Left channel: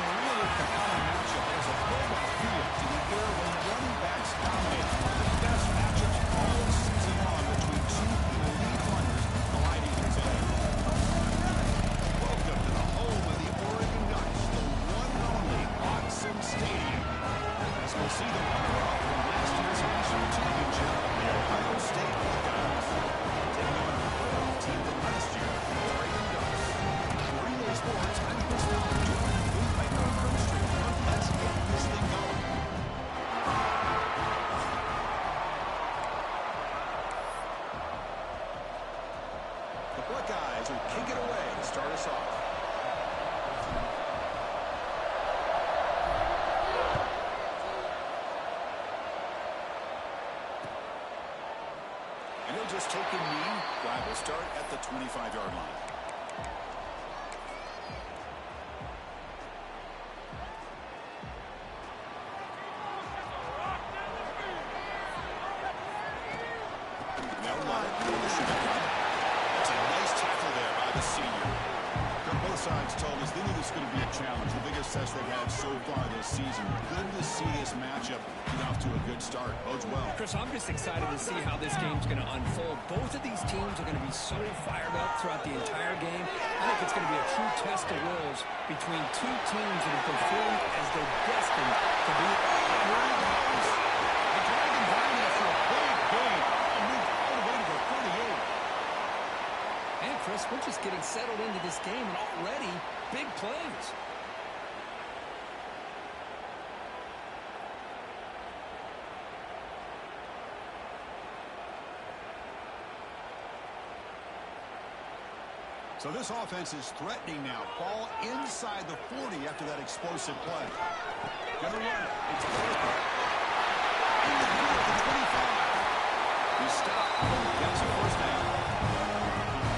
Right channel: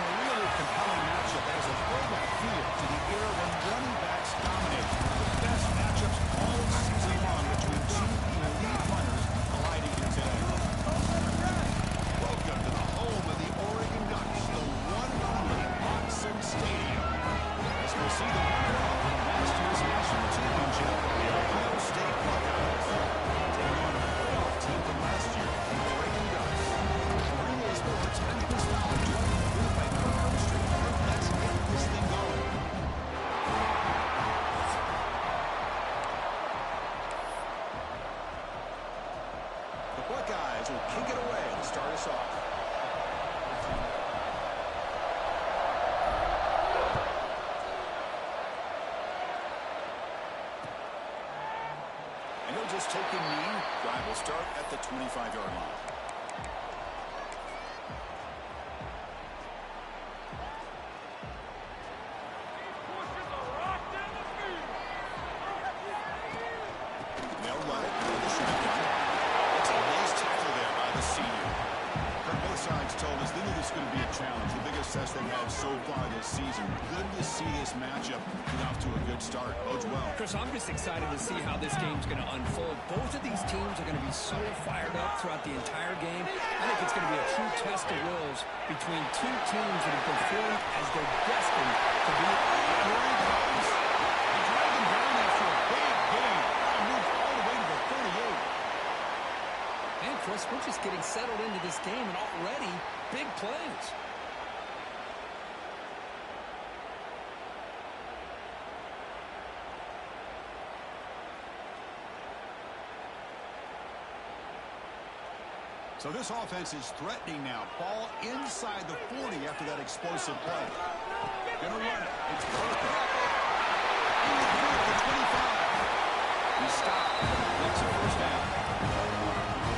a really compelling matchup. There's a throwback feel to the era when running backs dominated. One of the best matchups all season long between two elite runners colliding here today. Welcome to the home of the Oregon Ducks, the one and only Osu Stadium. As we'll see the runner-up from last year's national championship, the Ohio State Buckeyes. Taking on a playoff team from last year, the Oregon Ducks. Green Bay Sports, I'm Chris Fowler, joined in the booth by Kirk Street. Let's get this thing going. The Buckeyes will kick it away to start us off. And he'll just take a knee. Drive will start at the 25-yard line. They'll run it for the shotgun. That's a nice tackle there by the senior. Kirk, both sides told us they knew this was going to be a challenge. The biggest test they've had so far this season. Good to see this matchup get off to a good start. Bodes well. Chris, I'm just excited to see how this game's going to unfold. Both of these teams are going to be so fired up throughout the entire game. I think it's going to be a true test of wills between two teams that have performed as they're destined to be. Here he goes. They drag him down after a big game. And moved all the way to the 38. And Chris, we're just getting settled into this game, and already big plays. So this offense is threatening now. Ball inside the 40 after that explosive play. Gonna run it. It's perfect. In the field to 25. He stopped. Gets a first down.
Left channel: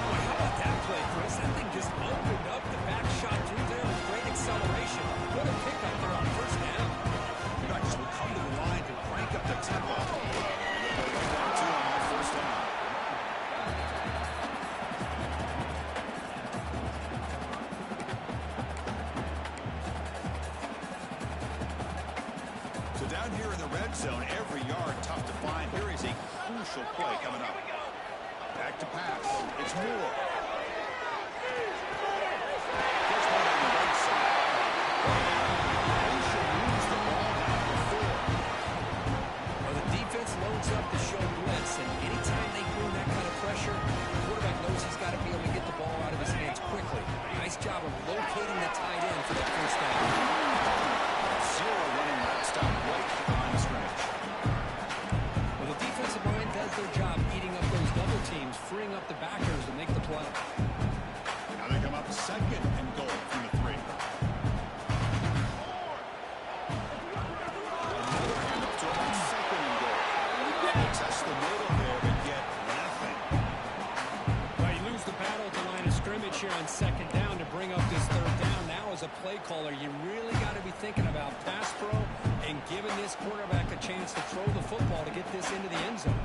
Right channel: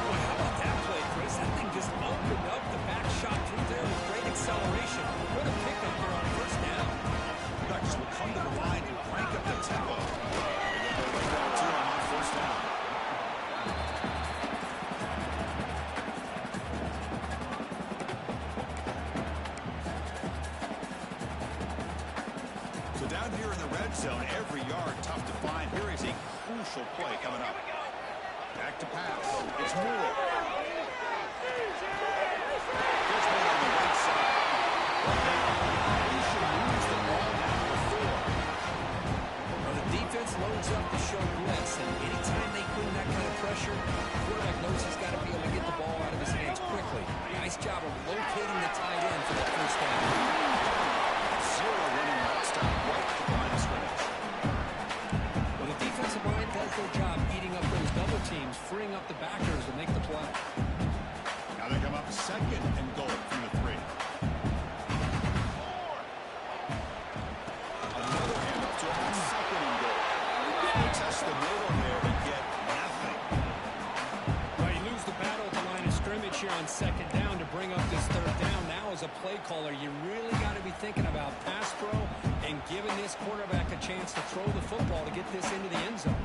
Boy, how about that play, Chris? That thing just opened up. The back shot through there with great acceleration. What a pickup there on first down. The Ducks will come to the line to crank up the tempo. They'll go right down to him on first down. So down here in the red zone, every yard tough to find. Here is a crucial play coming up. Back to pass. It's Moore. Gets one on the right side. They should lose the ball down to 4. Well, the defense loads up to show blitz, and anytime they bring that kind of pressure, the quarterback knows he's got to be able to get the ball out of his hands quickly. Nice job of locating the tight end for that first down. Zero running route stop right at the line of scrimmage. Well, the defensive line does their job eating up those double teams, freeing up the backers to make the play. Now they come up second and goal from the 3. Another handoff to him on second and goal. They test the middle there, but get nothing. Well, you lose the battle at the line of scrimmage here on second down to bring up this third down. Now as a play caller, you really got to be thinking about pass pro and giving this quarterback a chance to throw the football to get this into the end zone.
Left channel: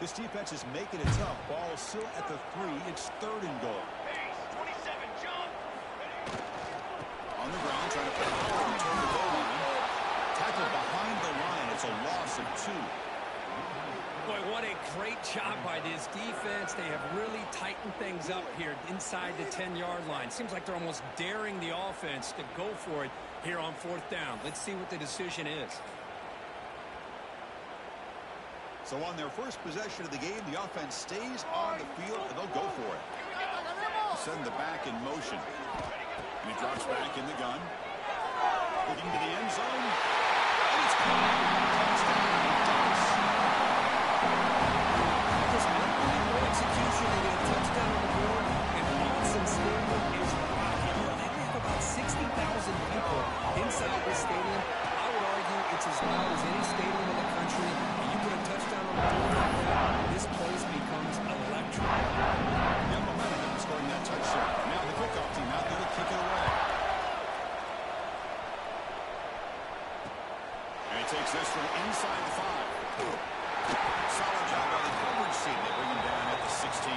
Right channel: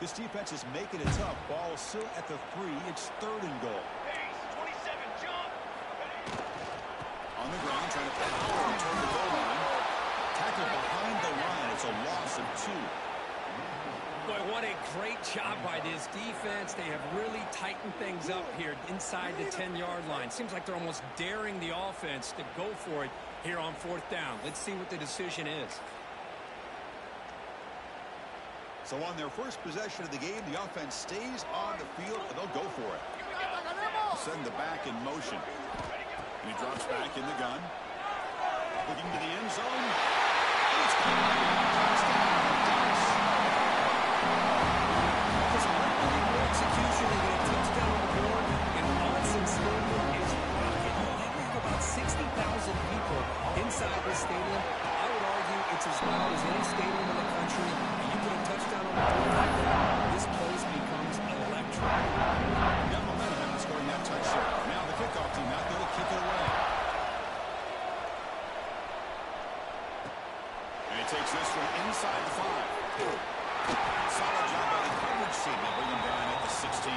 This defense is making it tough. Ball still at the 3. It's third and goal. On the ground, trying to power him toward the goal line. Tackle behind the line. It's a loss of 2. Boy, what a great job by this defense. They have really tightened things up here inside the 10-yard line. Seems like they're almost daring the offense to go for it here on fourth down. Let's see what the decision is. So on their first possession of the game, the offense stays on the field, and they'll go for it. Send the back in motion. And he drops back in the gun. Looking to the end zone. And it's caught. Touchdown, Ducks. Just unbelievable execution. They get a touchdown on the board. And Osu Stadium is rocking. Well, they have about 60,000 people inside this stadium. I would argue it's as loud as any stadium in the country. And you put a touchdown on the board like that, this place becomes electric. Got momentum after scoring that touchdown. Now the kickoff team out there to kick it away. He takes this from inside the 5. Solid job by the coverage team. They bring him down at the 16.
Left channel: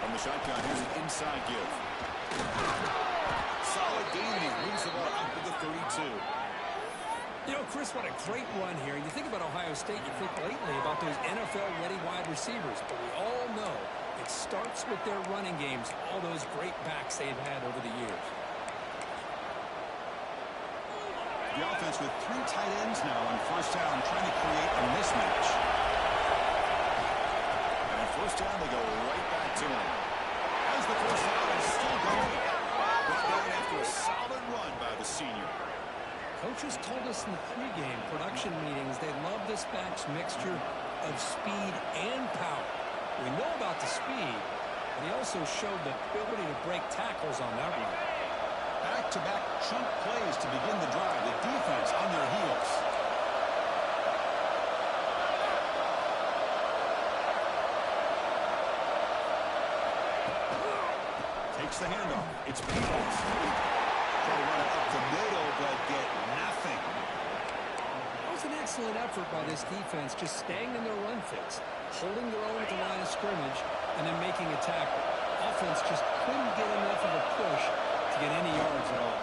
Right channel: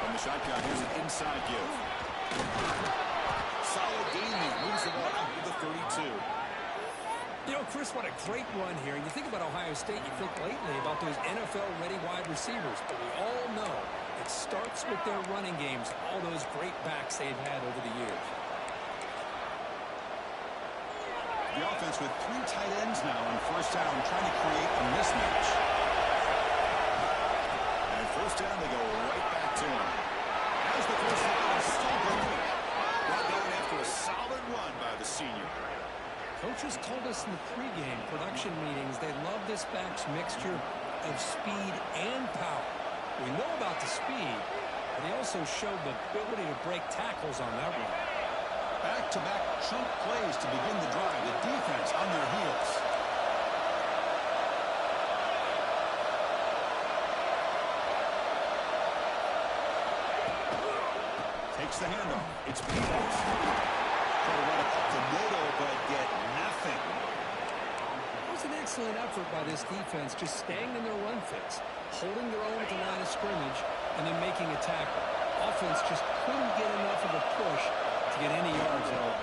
From the shotgun, here's an inside give. Solid gain. He moves the ball up to the 32. You know, Chris, what a great run here. And you think about Ohio State, you think lately about those NFL-ready wide receivers. But we all know it starts with their running games, all those great backs they've had over the years. The offense with 3 tight ends now on first down, trying to create a mismatch. And at first down, they go right back to him. As the first down is still going. Brought down after a solid run by the senior. Coaches told us in the pregame production meetings they love this back's mixture of speed and power. We know about the speed, but he also showed the ability to break tackles on that run. Back-to-back chunk plays to begin the drive. The defense on their heels. Takes the handoff. It's Peoples. Try to run it up the middle, but get nothing. That was an excellent effort by this defense, just staying in their run fits, holding their own at the line of scrimmage, and then making a tackle. Offense just couldn't get enough of a push to get any yards at all.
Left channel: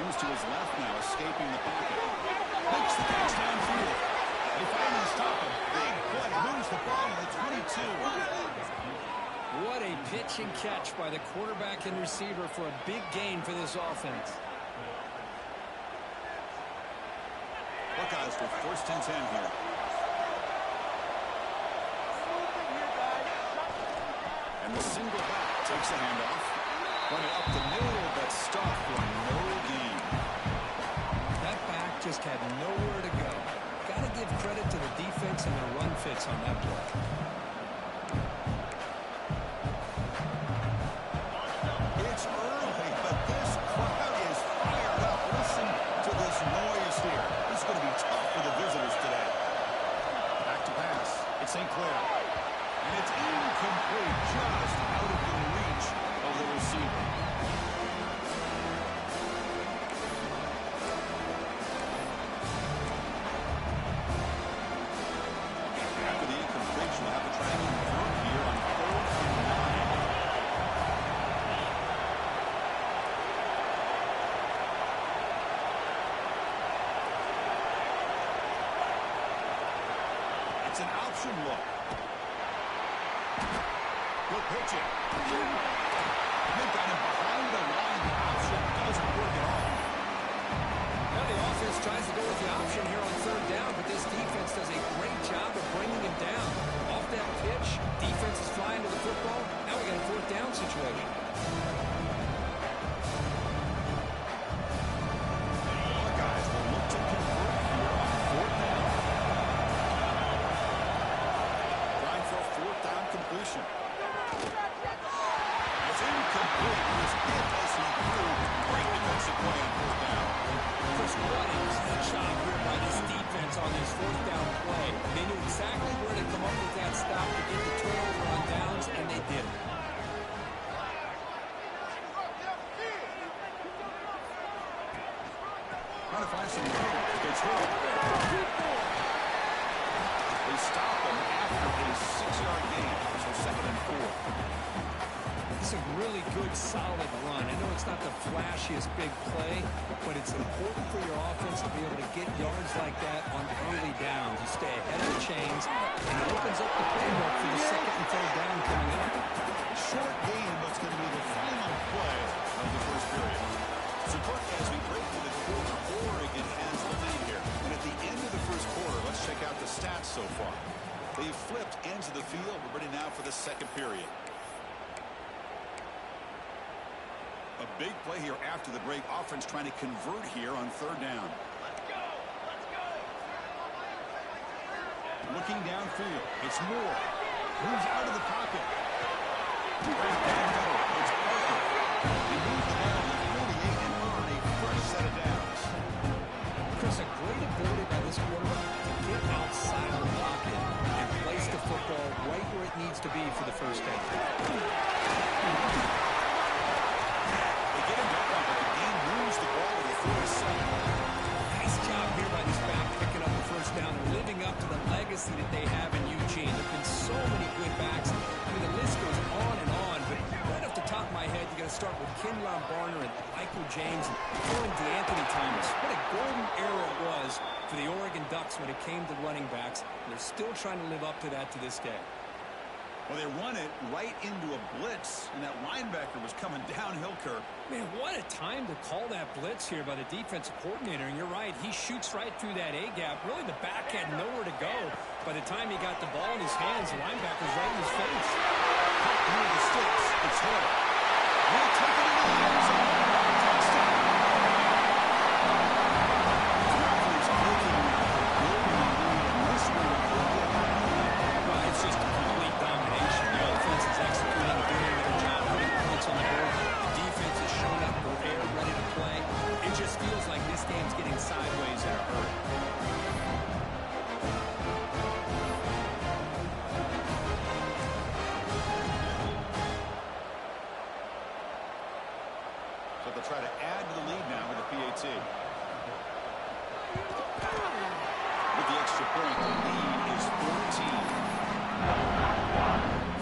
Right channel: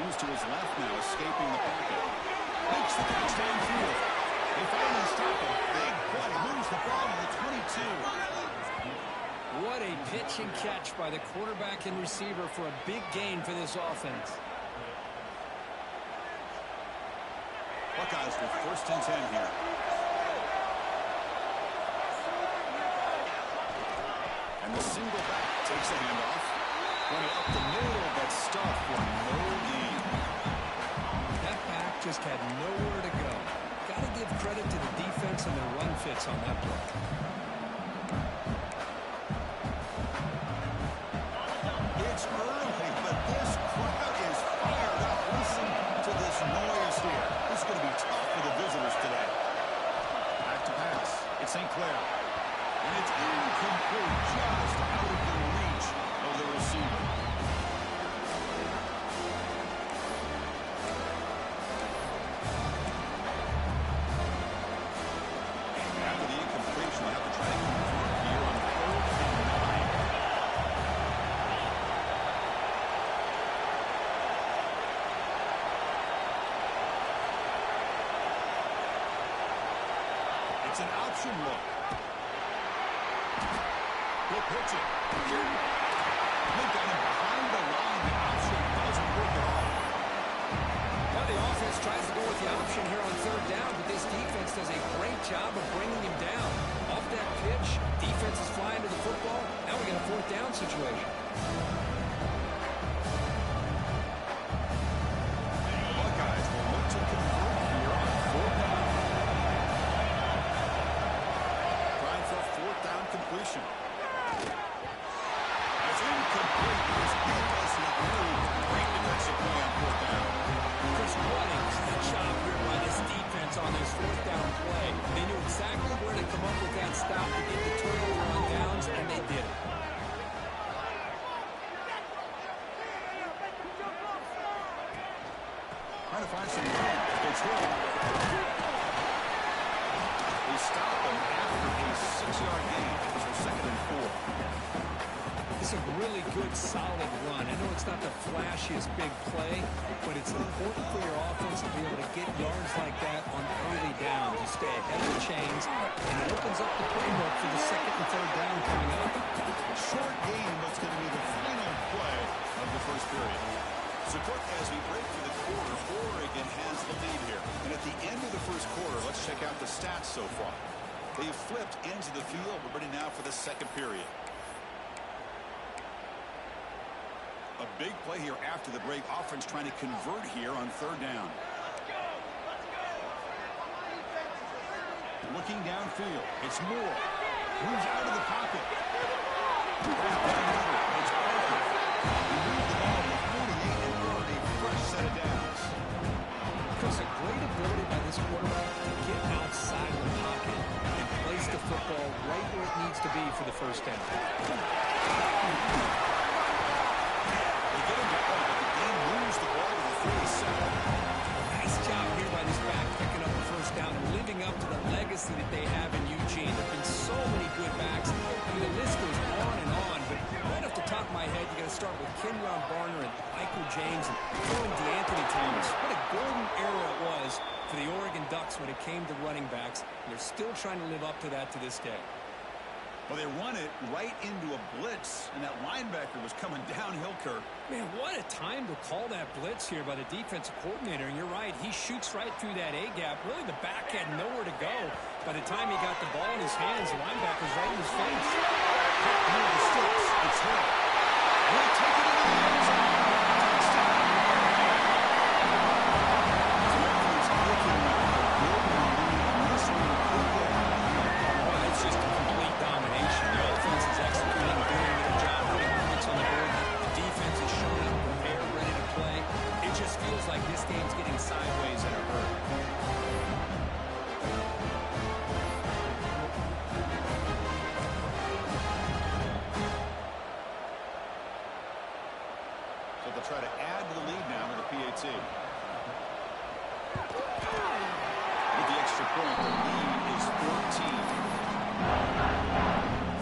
Moves to his left now, escaping the pocket. Makes the catch downfield. They finally stop him. Big play. Moves the ball to the 22. What a pitch and catch by the quarterback and receiver for a big gain for this offense. Buckeyes with first and 10 here. And the single back takes the handoff. Running up the middle, but stuffed for no gain. That back just had nowhere to go. Got to give credit to the defense and their run fits on that play. It's early, but this crowd is fired up. Listen to this noise here. This is going to be tough for the visitors today. Back to pass. It's St. Clair. And it's incomplete, just out of the reach of the receiver. After the incompletion, we'll have to try to convert here on 3rd and 9. It's an option look. He'll pitch it. They've got him behind the line. The option doesn't work at all. Now the offense tries to go with the option here on 3rd down, but this defense does a great job of bringing him down. Off that pitch, defense is flying to the football. Now we got a 4th down situation. The Buckeyes will look to convert here on 4th down. Trying for a 4th down completion. That's incomplete. He was hit as he threw. Great defensive play on 4th down. Chris, what a job here by this defense on this 4th down play. They knew exactly where to come up with that stop to get the turnover on downs, and they did it. Trying to find some room. It's Hill. They stop him after a 6-yard gain. So 2nd and 4. This is a really good, solid run. I know it's not the flashiest big play, but it's important for your offense to be able to get yards like that on early downs. You stay ahead of the chains, and it opens up the playbook for the 2nd and 3rd down coming up. Short game, but it's going to be the final play of the first period. So, Cook, as we break for the quarter, Oregon has the lead here. And at the end of the first quarter, let's check out the stats so far. They've flipped into the field. We're ready now for the 2nd period. A big play here after the break. Offense trying to convert here on 3rd down. Looking downfield. It's Moore. Moves out of the pocket. Right down middle. It's Parker. He moves the ball to the 48 and earned a fresh set of downs. Chris, a great ability by this quarterback right where it needs to be for the first down. They get him down, but the game moves the ball to the 37. Nice job here by this back picking up a first down and living up to the legacy that they have in Eugene. There have been so many good backs. I mean, the list goes on and on, but right off the top of my head, you got to start with Kenyon Barner and Michael James and throwing DeAnthony Thomas. What a golden era it was for the Oregon Ducks when it came to running backs, and they're still trying to live up to that to this day. Well, they run it right into a blitz, and that linebacker was coming downhill, Kirk. Man, what a time to call that blitz here by the defensive coordinator. And you're right, he shoots right through that A-gap. Really, the back had nowhere to go. By the time he got the ball in his hands, the linebacker's right in his face. Cut near the sticks. It's Hill. He'll take it into the end zone. Touchdown. The offense clicking with a building lead, and this one could get out of hand. Well, it's just a complete domination. The offense is executing, doing their job, putting points on the board. The defense is showing up prepared, ready to play. It just feels like this game's getting sideways in a hurry. So they'll try to add to the lead now with a PAT. With the extra point, the lead is 14.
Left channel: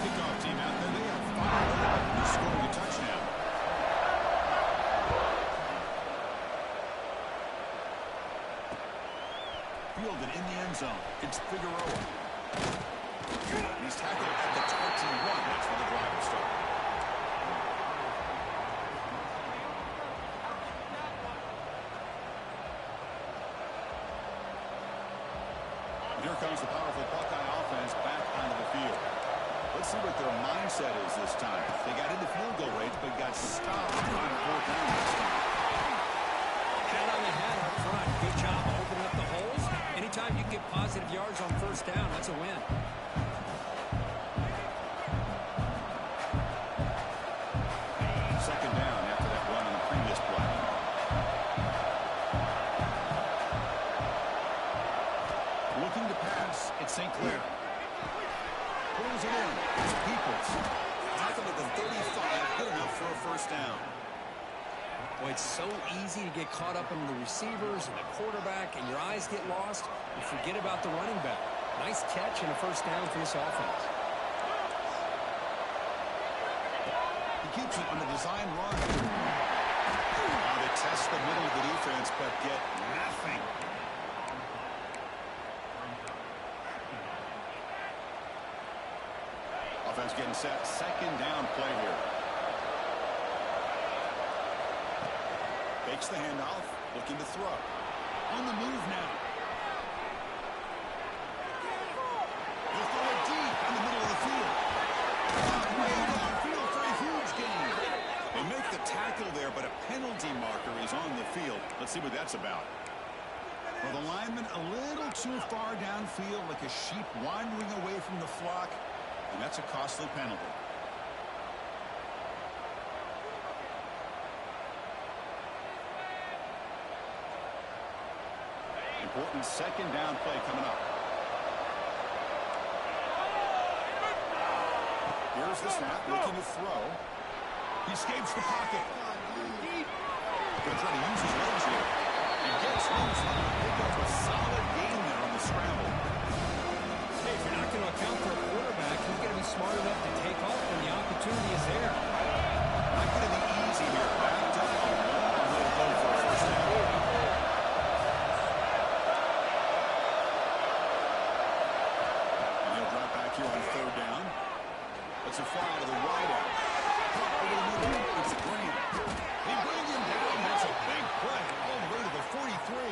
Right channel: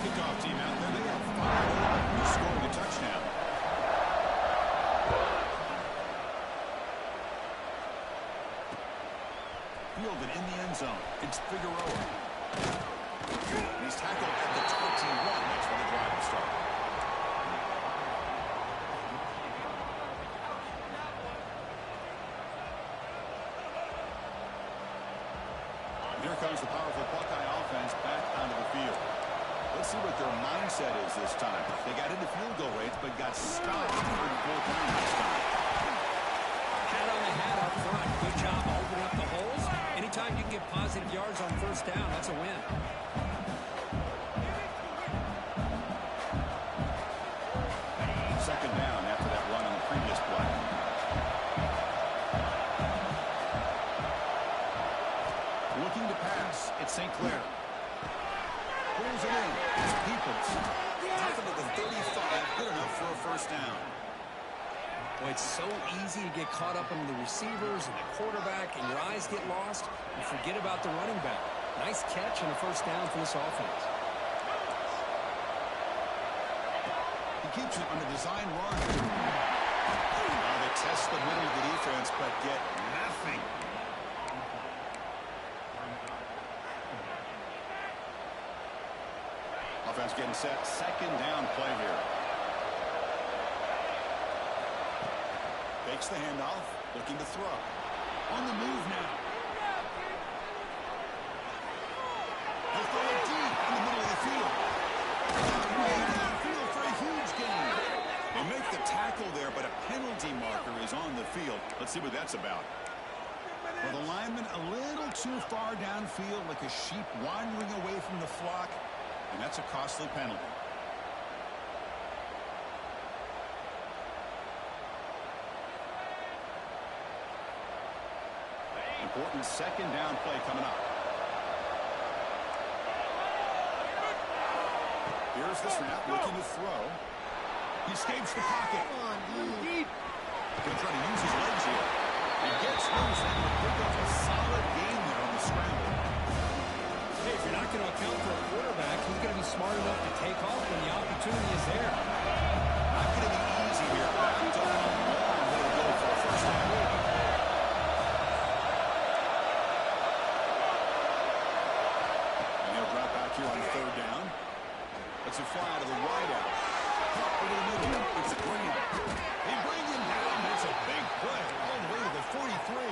Kickoff team out there. They are fired up and scoring a touchdown. Fielded in the end zone. It's Figueroa. He's tackled at the 21. That's where the drive will start. Here comes the powerful Buckeye offense back onto the field. Let's see what their mindset is this time. They got into field goal range, but got stopped on 4th down this time. Hat on the hat up front. Good job opening up the holes. Anytime you can get positive yards on first down, that's a win. Second down after that run on the previous play. Looking to pass. It's St. Clair. Pulls it in. It's Peoples. Tackled at the 35. Good enough for a first down. Boy, it's so easy to get caught up in the receivers and the quarterback, and your eyes get lost. You forget about the running back. Nice catch and a first down for this offense. He keeps it on the design run. Now they test the middle of the defense, but get nothing. Offense getting set. Second down play here. Fakes the handoff. Looking to throw. On the move now. He'll throw it deep in the middle of the field. Way downfield for a huge gain. They make the tackle there, but a penalty marker is on the field. Let's see what that's about. Well, the lineman a little too far downfield, like a sheep wandering away from the flock. And that's a costly penalty. Important second down play coming up. Here's the snap, looking to throw. He escapes the pocket. Deep. Going to try to use his legs here. He gets loose and will pick up a solid gain there on the scramble. Hey, if you're not going to account for a quarterback, he's going to be smart enough to take off when the opportunity is there. Not going to be easy here. Backed up a long way to go for a first down. And he'll drop back here on third down. Let's it fly to the wide out. Up over the middle. It's Graham. They bring him down. That's a big play. All the way to the 43.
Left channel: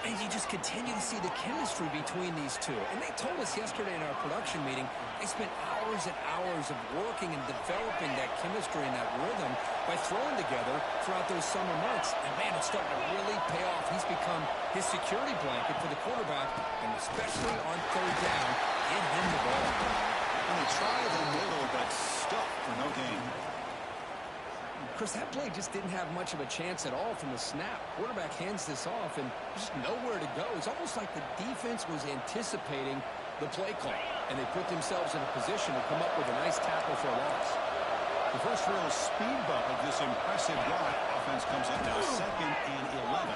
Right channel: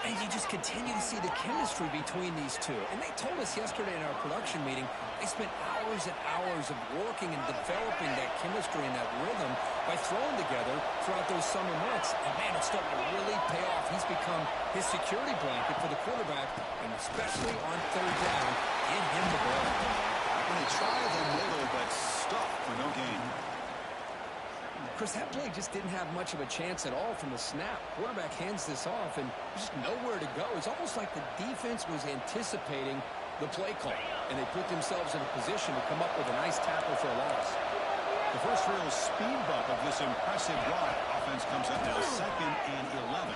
And you just continue to see the chemistry between these two. And they told us yesterday in our production meeting, they spent hours and hours of working and developing that chemistry and that rhythm by throwing together throughout those summer months. And, man, it's starting to really pay off. He's become his security blanket for the quarterback, and especially on third down, get him the ball. And they try the middle, but stuffed for no gain. Chris, that play just didn't have much of a chance at all from the snap. Quarterback hands this off, and just nowhere to go. It's almost like the defense was anticipating the play call, and they put themselves in a position to come up with a nice tackle for a loss. The first real speed bump of this impressive drive. Offense comes up now 2nd and 11.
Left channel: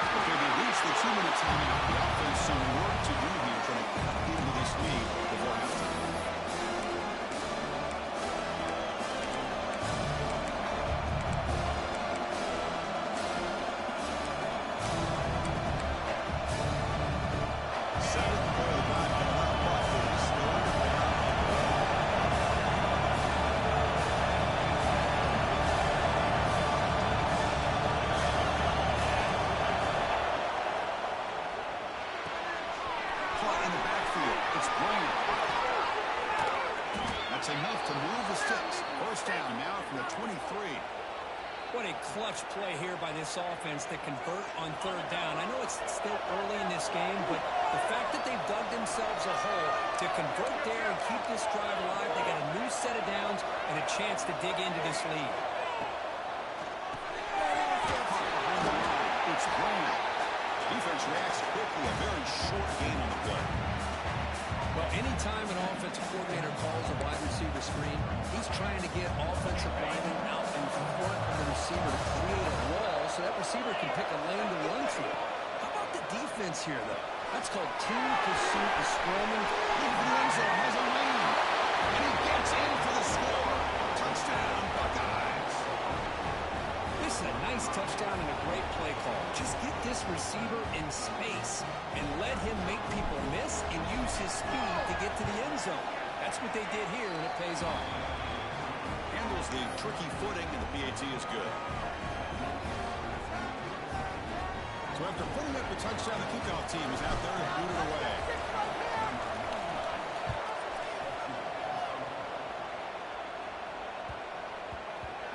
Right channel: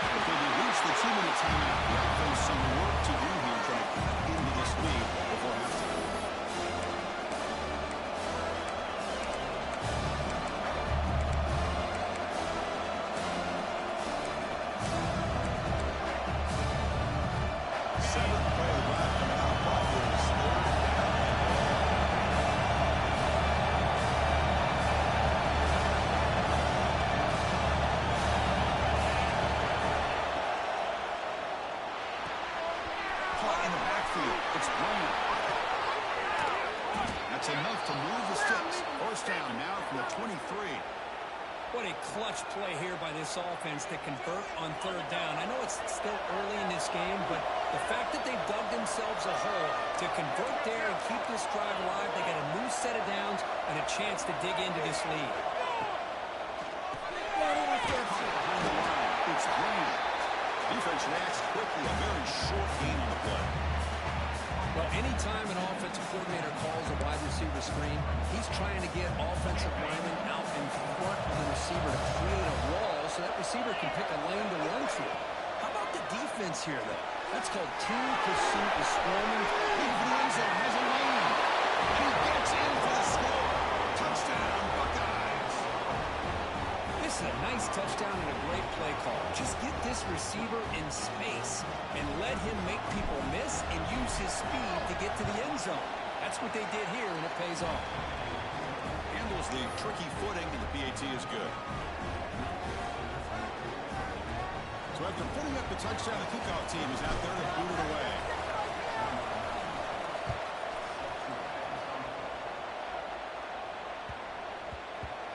Okay, they reached the 2-minute timeout. The offense some work to do here trying to cut into this lead before halftime. Seventh play of the drive coming up, but it is 3rd down and long. Play in the backfield. It's Brand. That's enough to move the sticks. First down now from the 23. What a clutch play here by this offense to convert on 3rd down. I know it's still early in this game, but the fact that they've dug themselves a hole to convert there and keep this drive alive, they got a new set of downs and a chance to dig into this lead. Behind the line, it's Brand. Defense reacts quickly, a very short gain on the play. Well, anytime an offensive coordinator calls a wide receiver screen, he's trying to get offensive linemen out in front of the receiver to create a wall so that receiver can pick a lane to run through. How about the defense here, though? That's called team pursuit, the swarming. Into the end zone, has a lane, and he gets in for the score. Touchdown, Buckeyes. This is a nice touchdown and a great play call. Just get this receiver in space and let him make people miss and use his speed to get to the end zone. That's what they did here, and it pays off. Handles the tricky footing, and the PAT is good. So after putting up the touchdown, the kickoff team is out there to boot it away.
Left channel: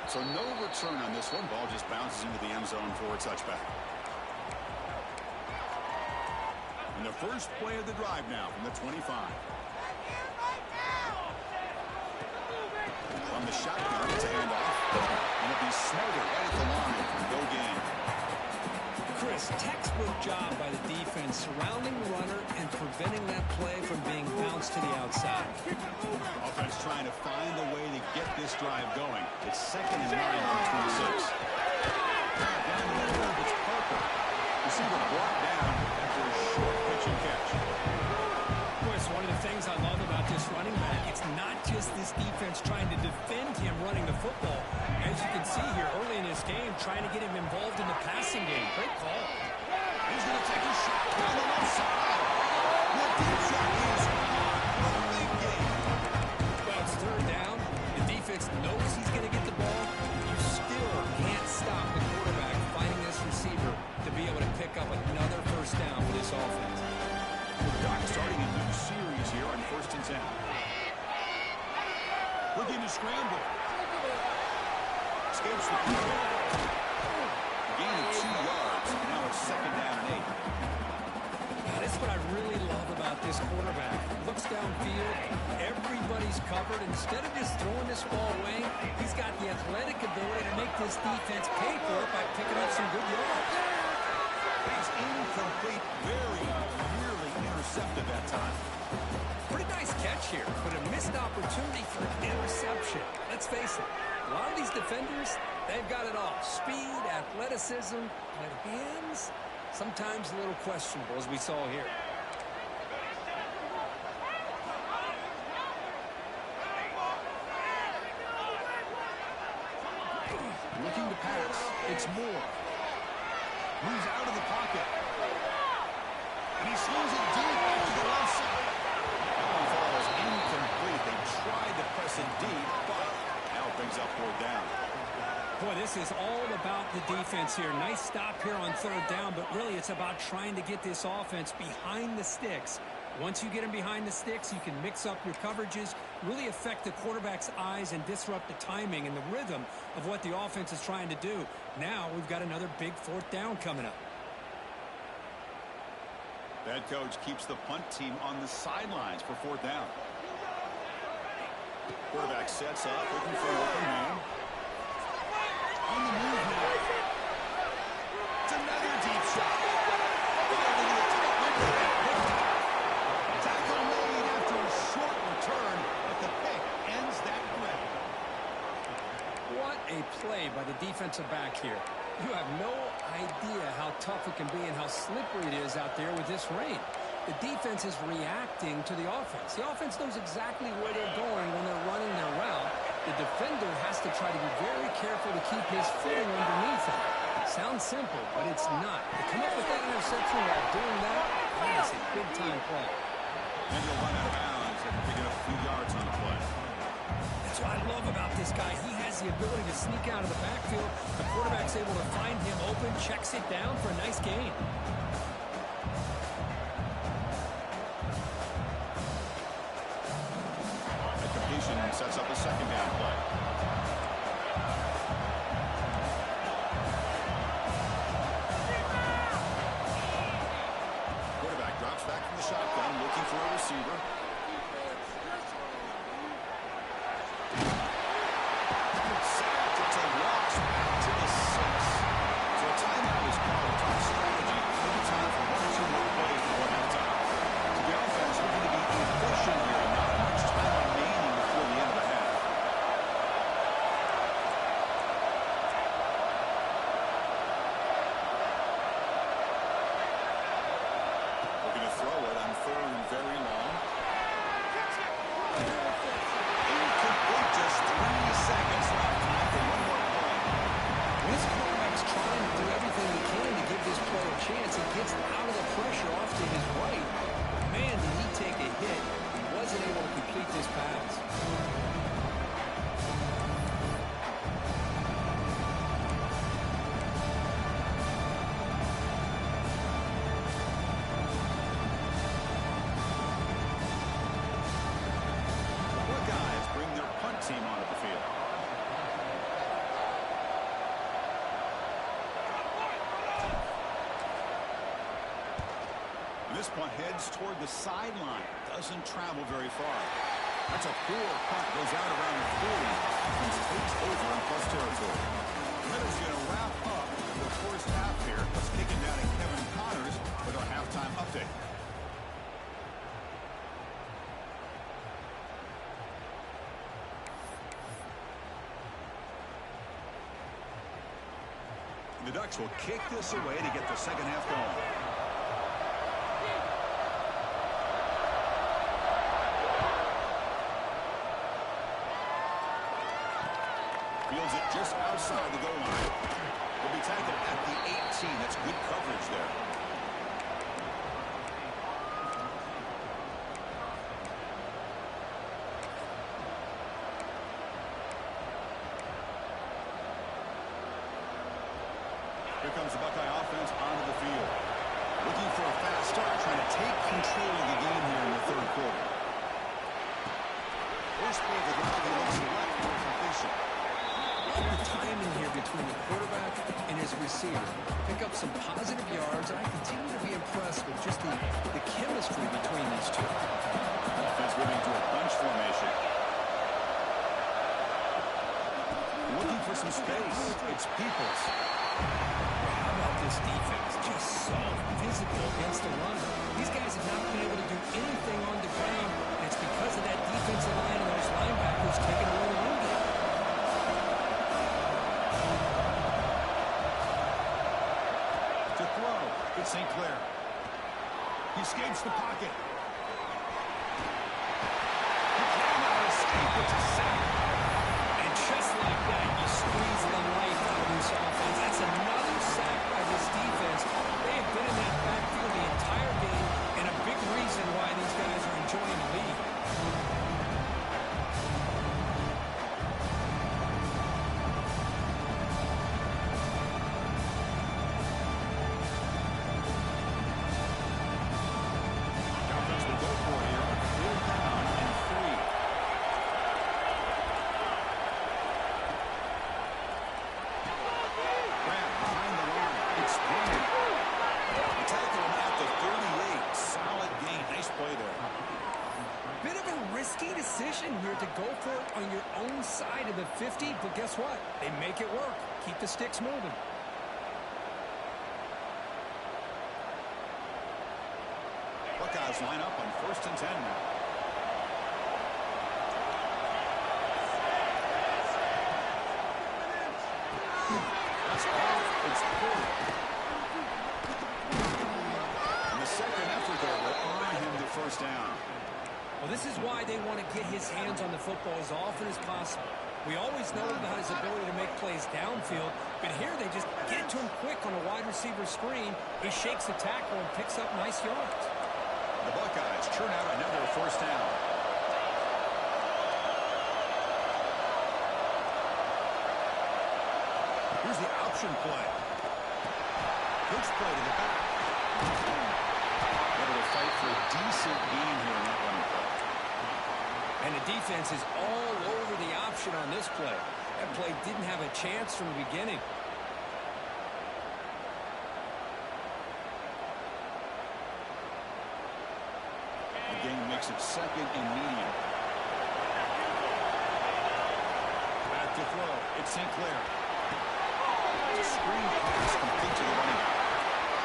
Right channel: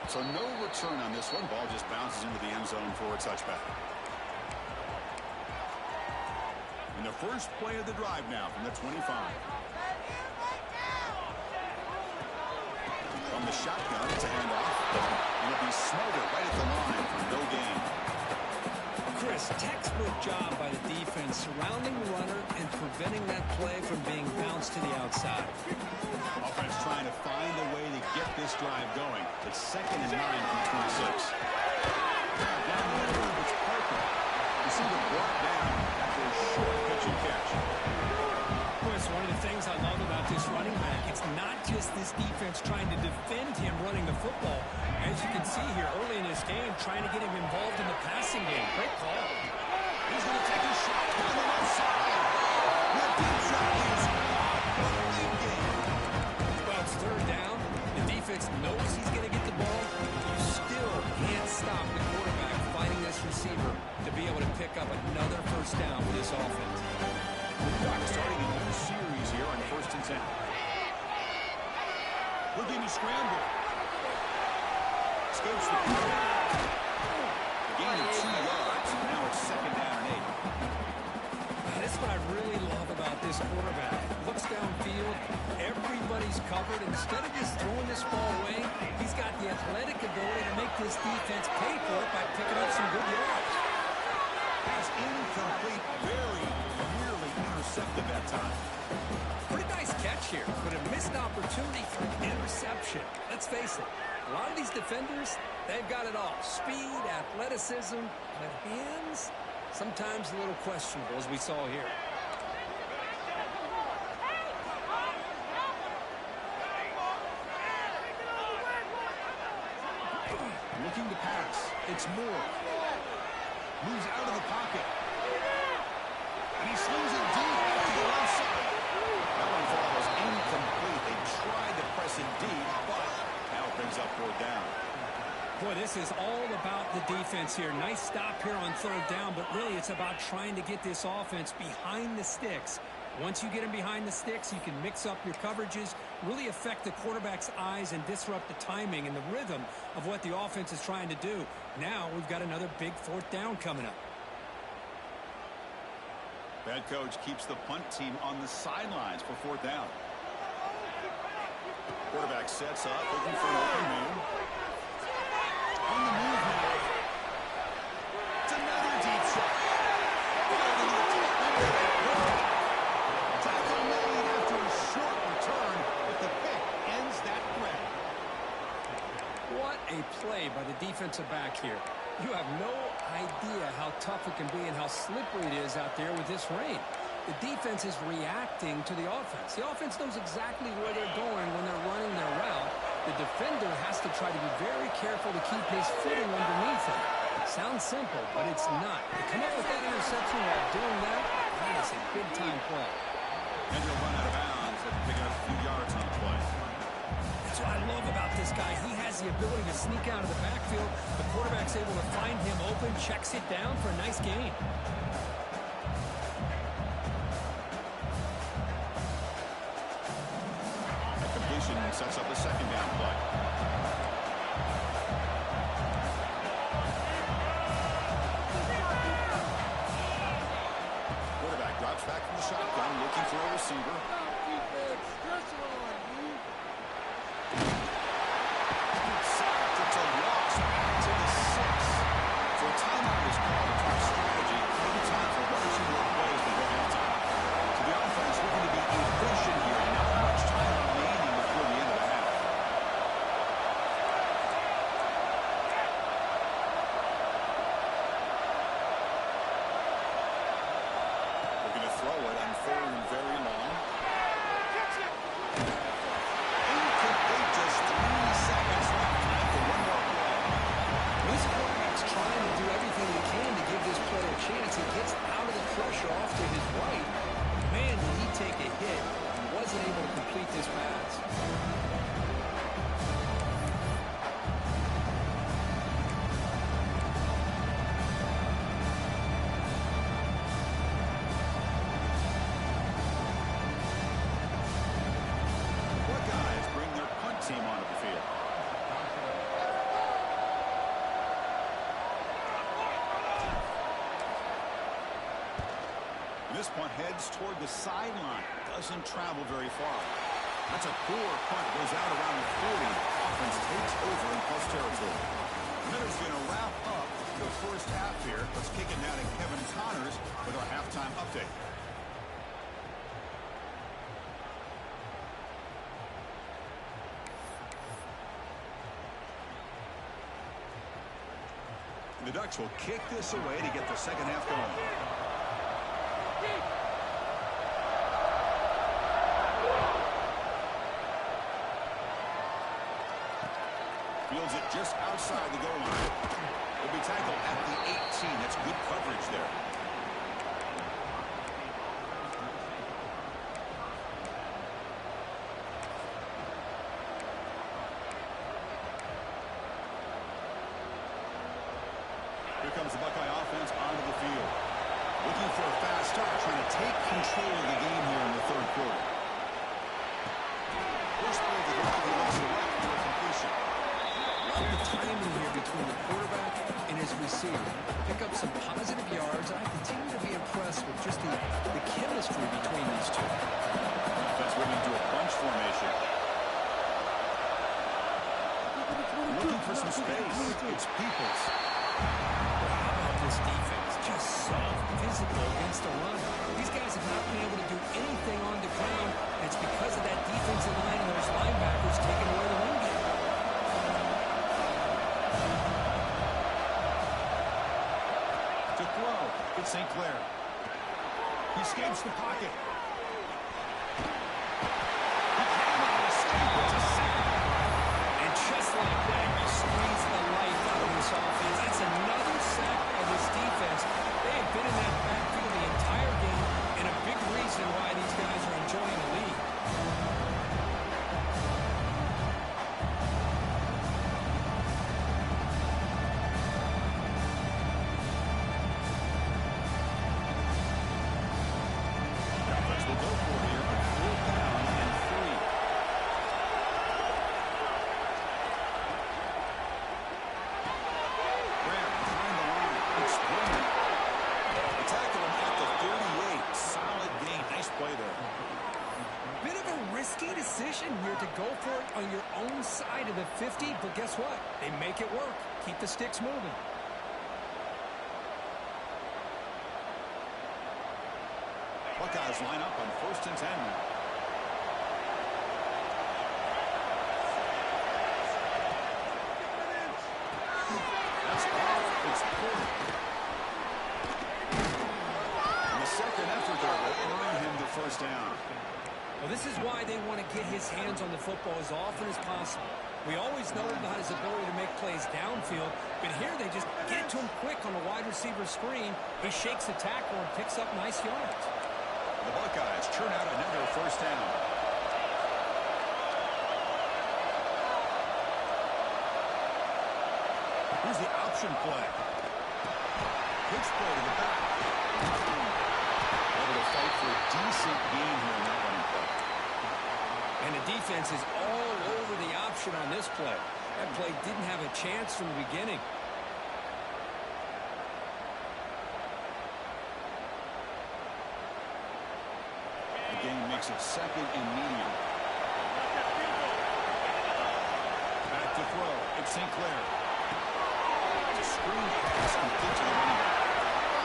So no return on this one. Ball just bounces into the end zone for a touchback. And the first play of the drive now from the 25. From the shotgun, it's a handoff. And it'll be smothered right at the line for no gain. Chris, textbook job by the defense surrounding the runner and preventing that play from being bounced to the outside. Offense trying to find a way to get this drive going. It's 2nd and 9 from 26. Down the middle, it's Parker. Receiver brought down after a short pitch and catch. Chris, one of the things I love about this running back, it's not just this defense trying to defend him running the football. As you can see here early in this game, trying to get him involved in the passing game. Great call. He's going to take a shot down the left side. The deep shot is caught for the big game. Well, it's 3rd down. The defense knows he's going to get the ball. You still can't stop the quarterback finding this receiver to be able to pick up another first down for this offense. The Ducks starting a new series here on 1st and 10. Looking to scramble. Escapes the quarterback. Gain of 2 yards. Now it's 2nd down and 8. This is what I really love about this quarterback. Looks downfield, everybody's covered. Instead of just throwing this ball away, he's got the athletic ability to make this defense pay for it by picking up some good yards. Pass incomplete, very nearly intercepted that time. Pretty nice catch here, but a missed opportunity for an interception. Let's face it, a lot of these defenders, they've got it all. Speed, athleticism, but hands, sometimes a little questionable, as we saw here. Looking to pass. It's Moore. Moves out of the pocket. And he slings it deep out to the left side. That one falls incomplete. They tried to press it deep, but now it brings up 4th down. Boy, this is all about the defense here. Nice stop here on 3rd down, but really it's about trying to get this offense behind the sticks. Once you get them behind the sticks, you can mix up your coverages, really affect the quarterback's eyes and disrupt the timing and the rhythm of what the offense is trying to do. Now we've got another big 4th down coming up. Head coach keeps the punt team on the sidelines for 4th down. Quarterback sets up, looking for an open man. On the move now. It's another deep shot. Fired into the tight window. What a play by the defensive back here. You have no idea how tough it can be and how slippery it is out there with this rain. The defense is reacting to the offense. The offense knows exactly where they're going when they're running their route. The defender has to try to be very careful to keep his footing underneath him. Sounds simple, but it's not. To come up with that interception while doing that, that is a big-time play. And he'll run out of bounds after picking up a few yards on the play. That's what I love about this guy. He has the ability to sneak out of the backfield. The quarterback's able to find him open, checks it down for a nice gain. That completion sets up a second down play. Quarterback drops back from the shotgun, looking for a receiver. Sacked. It's a loss back to the 6. So a timeout is called to talk strategy. Maybe time for 1 or 2 more plays before halftime. So the offense looking to be efficient here. Not much time remaining before the end of the half. Looking to throw it on 3rd and very long. Incomplete. Just 3 seconds left. Time for one more play. This quarterback's trying to do everything he can to give this player a chance. He gets out of the pressure off to his right. Man, did he take a hit. He wasn't able to complete this pass. The Buckeyes bring their punt team onto the field. This punt heads toward the sideline. Doesn't travel very far. That's a poor punt. Goes out around the 40. Offense takes over in plus territory. The Miners going to wrap up the first half here. Let's kick it down to Kevin Connors with our halftime update. The Ducks will kick this away to get the second half going. Fields it just outside the goal line. He'll be tackled at the 18. That's good coverage there. Here comes the Buckeye offense onto the field. Looking for a fast start, trying to take control of the game here in the 3rd quarter. First play of the drive, he looks left for a completion. Love the timing here between the quarterback and his receiver. Pick up some positive yards, and I continue to be impressed with just the chemistry between these two. Offense moving to a bunch formation. Looking for some space. It's Peoples. How about this defense? Just so physical against the run. These guys have not been able to do anything on the ground, and it's because of that defensive line and those linebackers taking away the run game. To throw, it's St. Clair. He escapes the pocket. He cannot escape. It's a sack. And just like that, you squeeze the life out of this offense. That's another sack by this defense. They have been in that backfield the entire game, and a big reason why these guys are enjoying the lead. Will go for here on 4th down and 3. Grab behind the line. It's brilliant. They tackle him at the 38. Solid gain. Nice play there. Bit of a risky decision here to go for it on your own side of the 50, but guess what? They make it work. Keep the sticks moving. Buckeyes line up on 1st and 10 now. pass off. It's Porter. And the second effort there will earn him the first down. Well, this is why they want to get his hands on the football as often as possible. We always know about his ability to make plays downfield, but here they just get it to him quick on a wide receiver screen. He shakes the tackle and picks up nice yards. The Buckeyes churn out another first down. Here's the option play. Pitch play to the back. Able to fight for a decent gain here in that running play. And the defense is all over the option on this play. That play didn't have a chance from the beginning. The game makes it second and medium. Back to throw. It's St. Clair. It's a screen pass complete to the running back.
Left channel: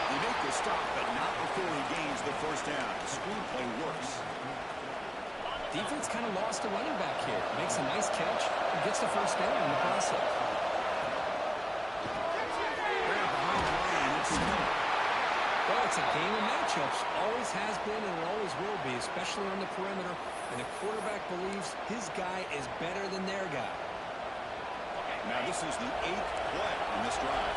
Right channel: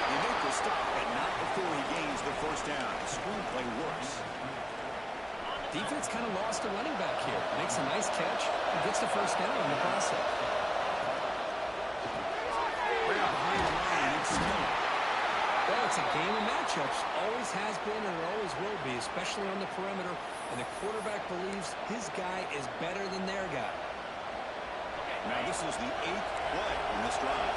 They make the stop, but not before he gains the first down. The screen play works. Defense kind of lost the running back here. Makes a nice catch and gets the first down in the process. Right up behind the line, it's Miller. Well, it's a game of matchups. Always has been and it always will be, especially on the perimeter. And the quarterback believes his guy is better than their guy. Now this is the 8th play in this drive.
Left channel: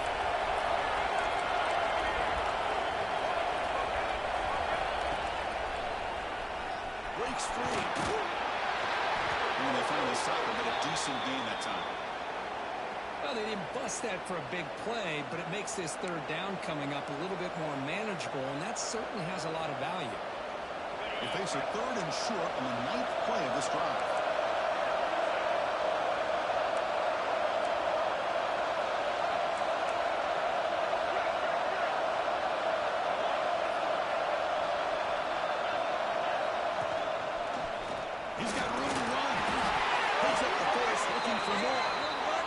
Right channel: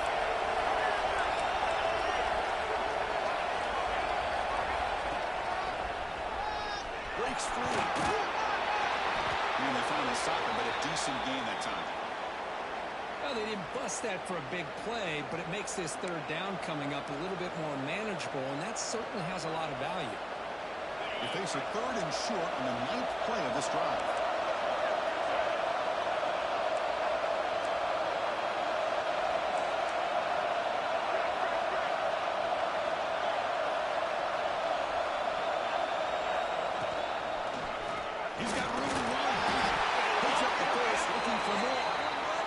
Breaks free. And they finally stop him, but a decent gain that time. Well, they didn't bust that for a big play, but it makes this third down coming up a little bit more manageable, and that certainly has a lot of value. They face a third and short on the 9th play of this drive. He's got room to run. Picks up the first, looking for more.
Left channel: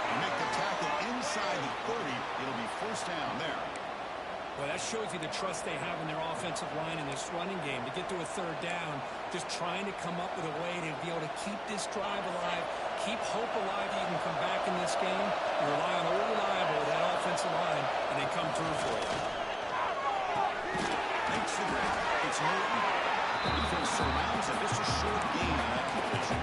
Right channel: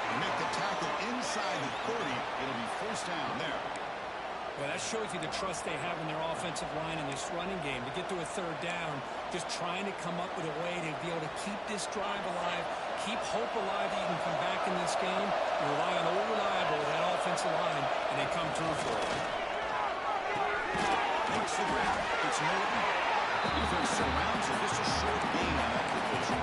They make the tackle inside the 30. It'll be first down there. Well, that shows you the trust they have in their offensive line in this running game. To get to a third down, just trying to come up with a way to be able to keep this drive alive, keep hope alive that you can come back in this game. You rely on old reliable with that offensive line, and they come through for you. Makes the grab. It's Norton. Defense surrounds him. Just a short gain on that completion.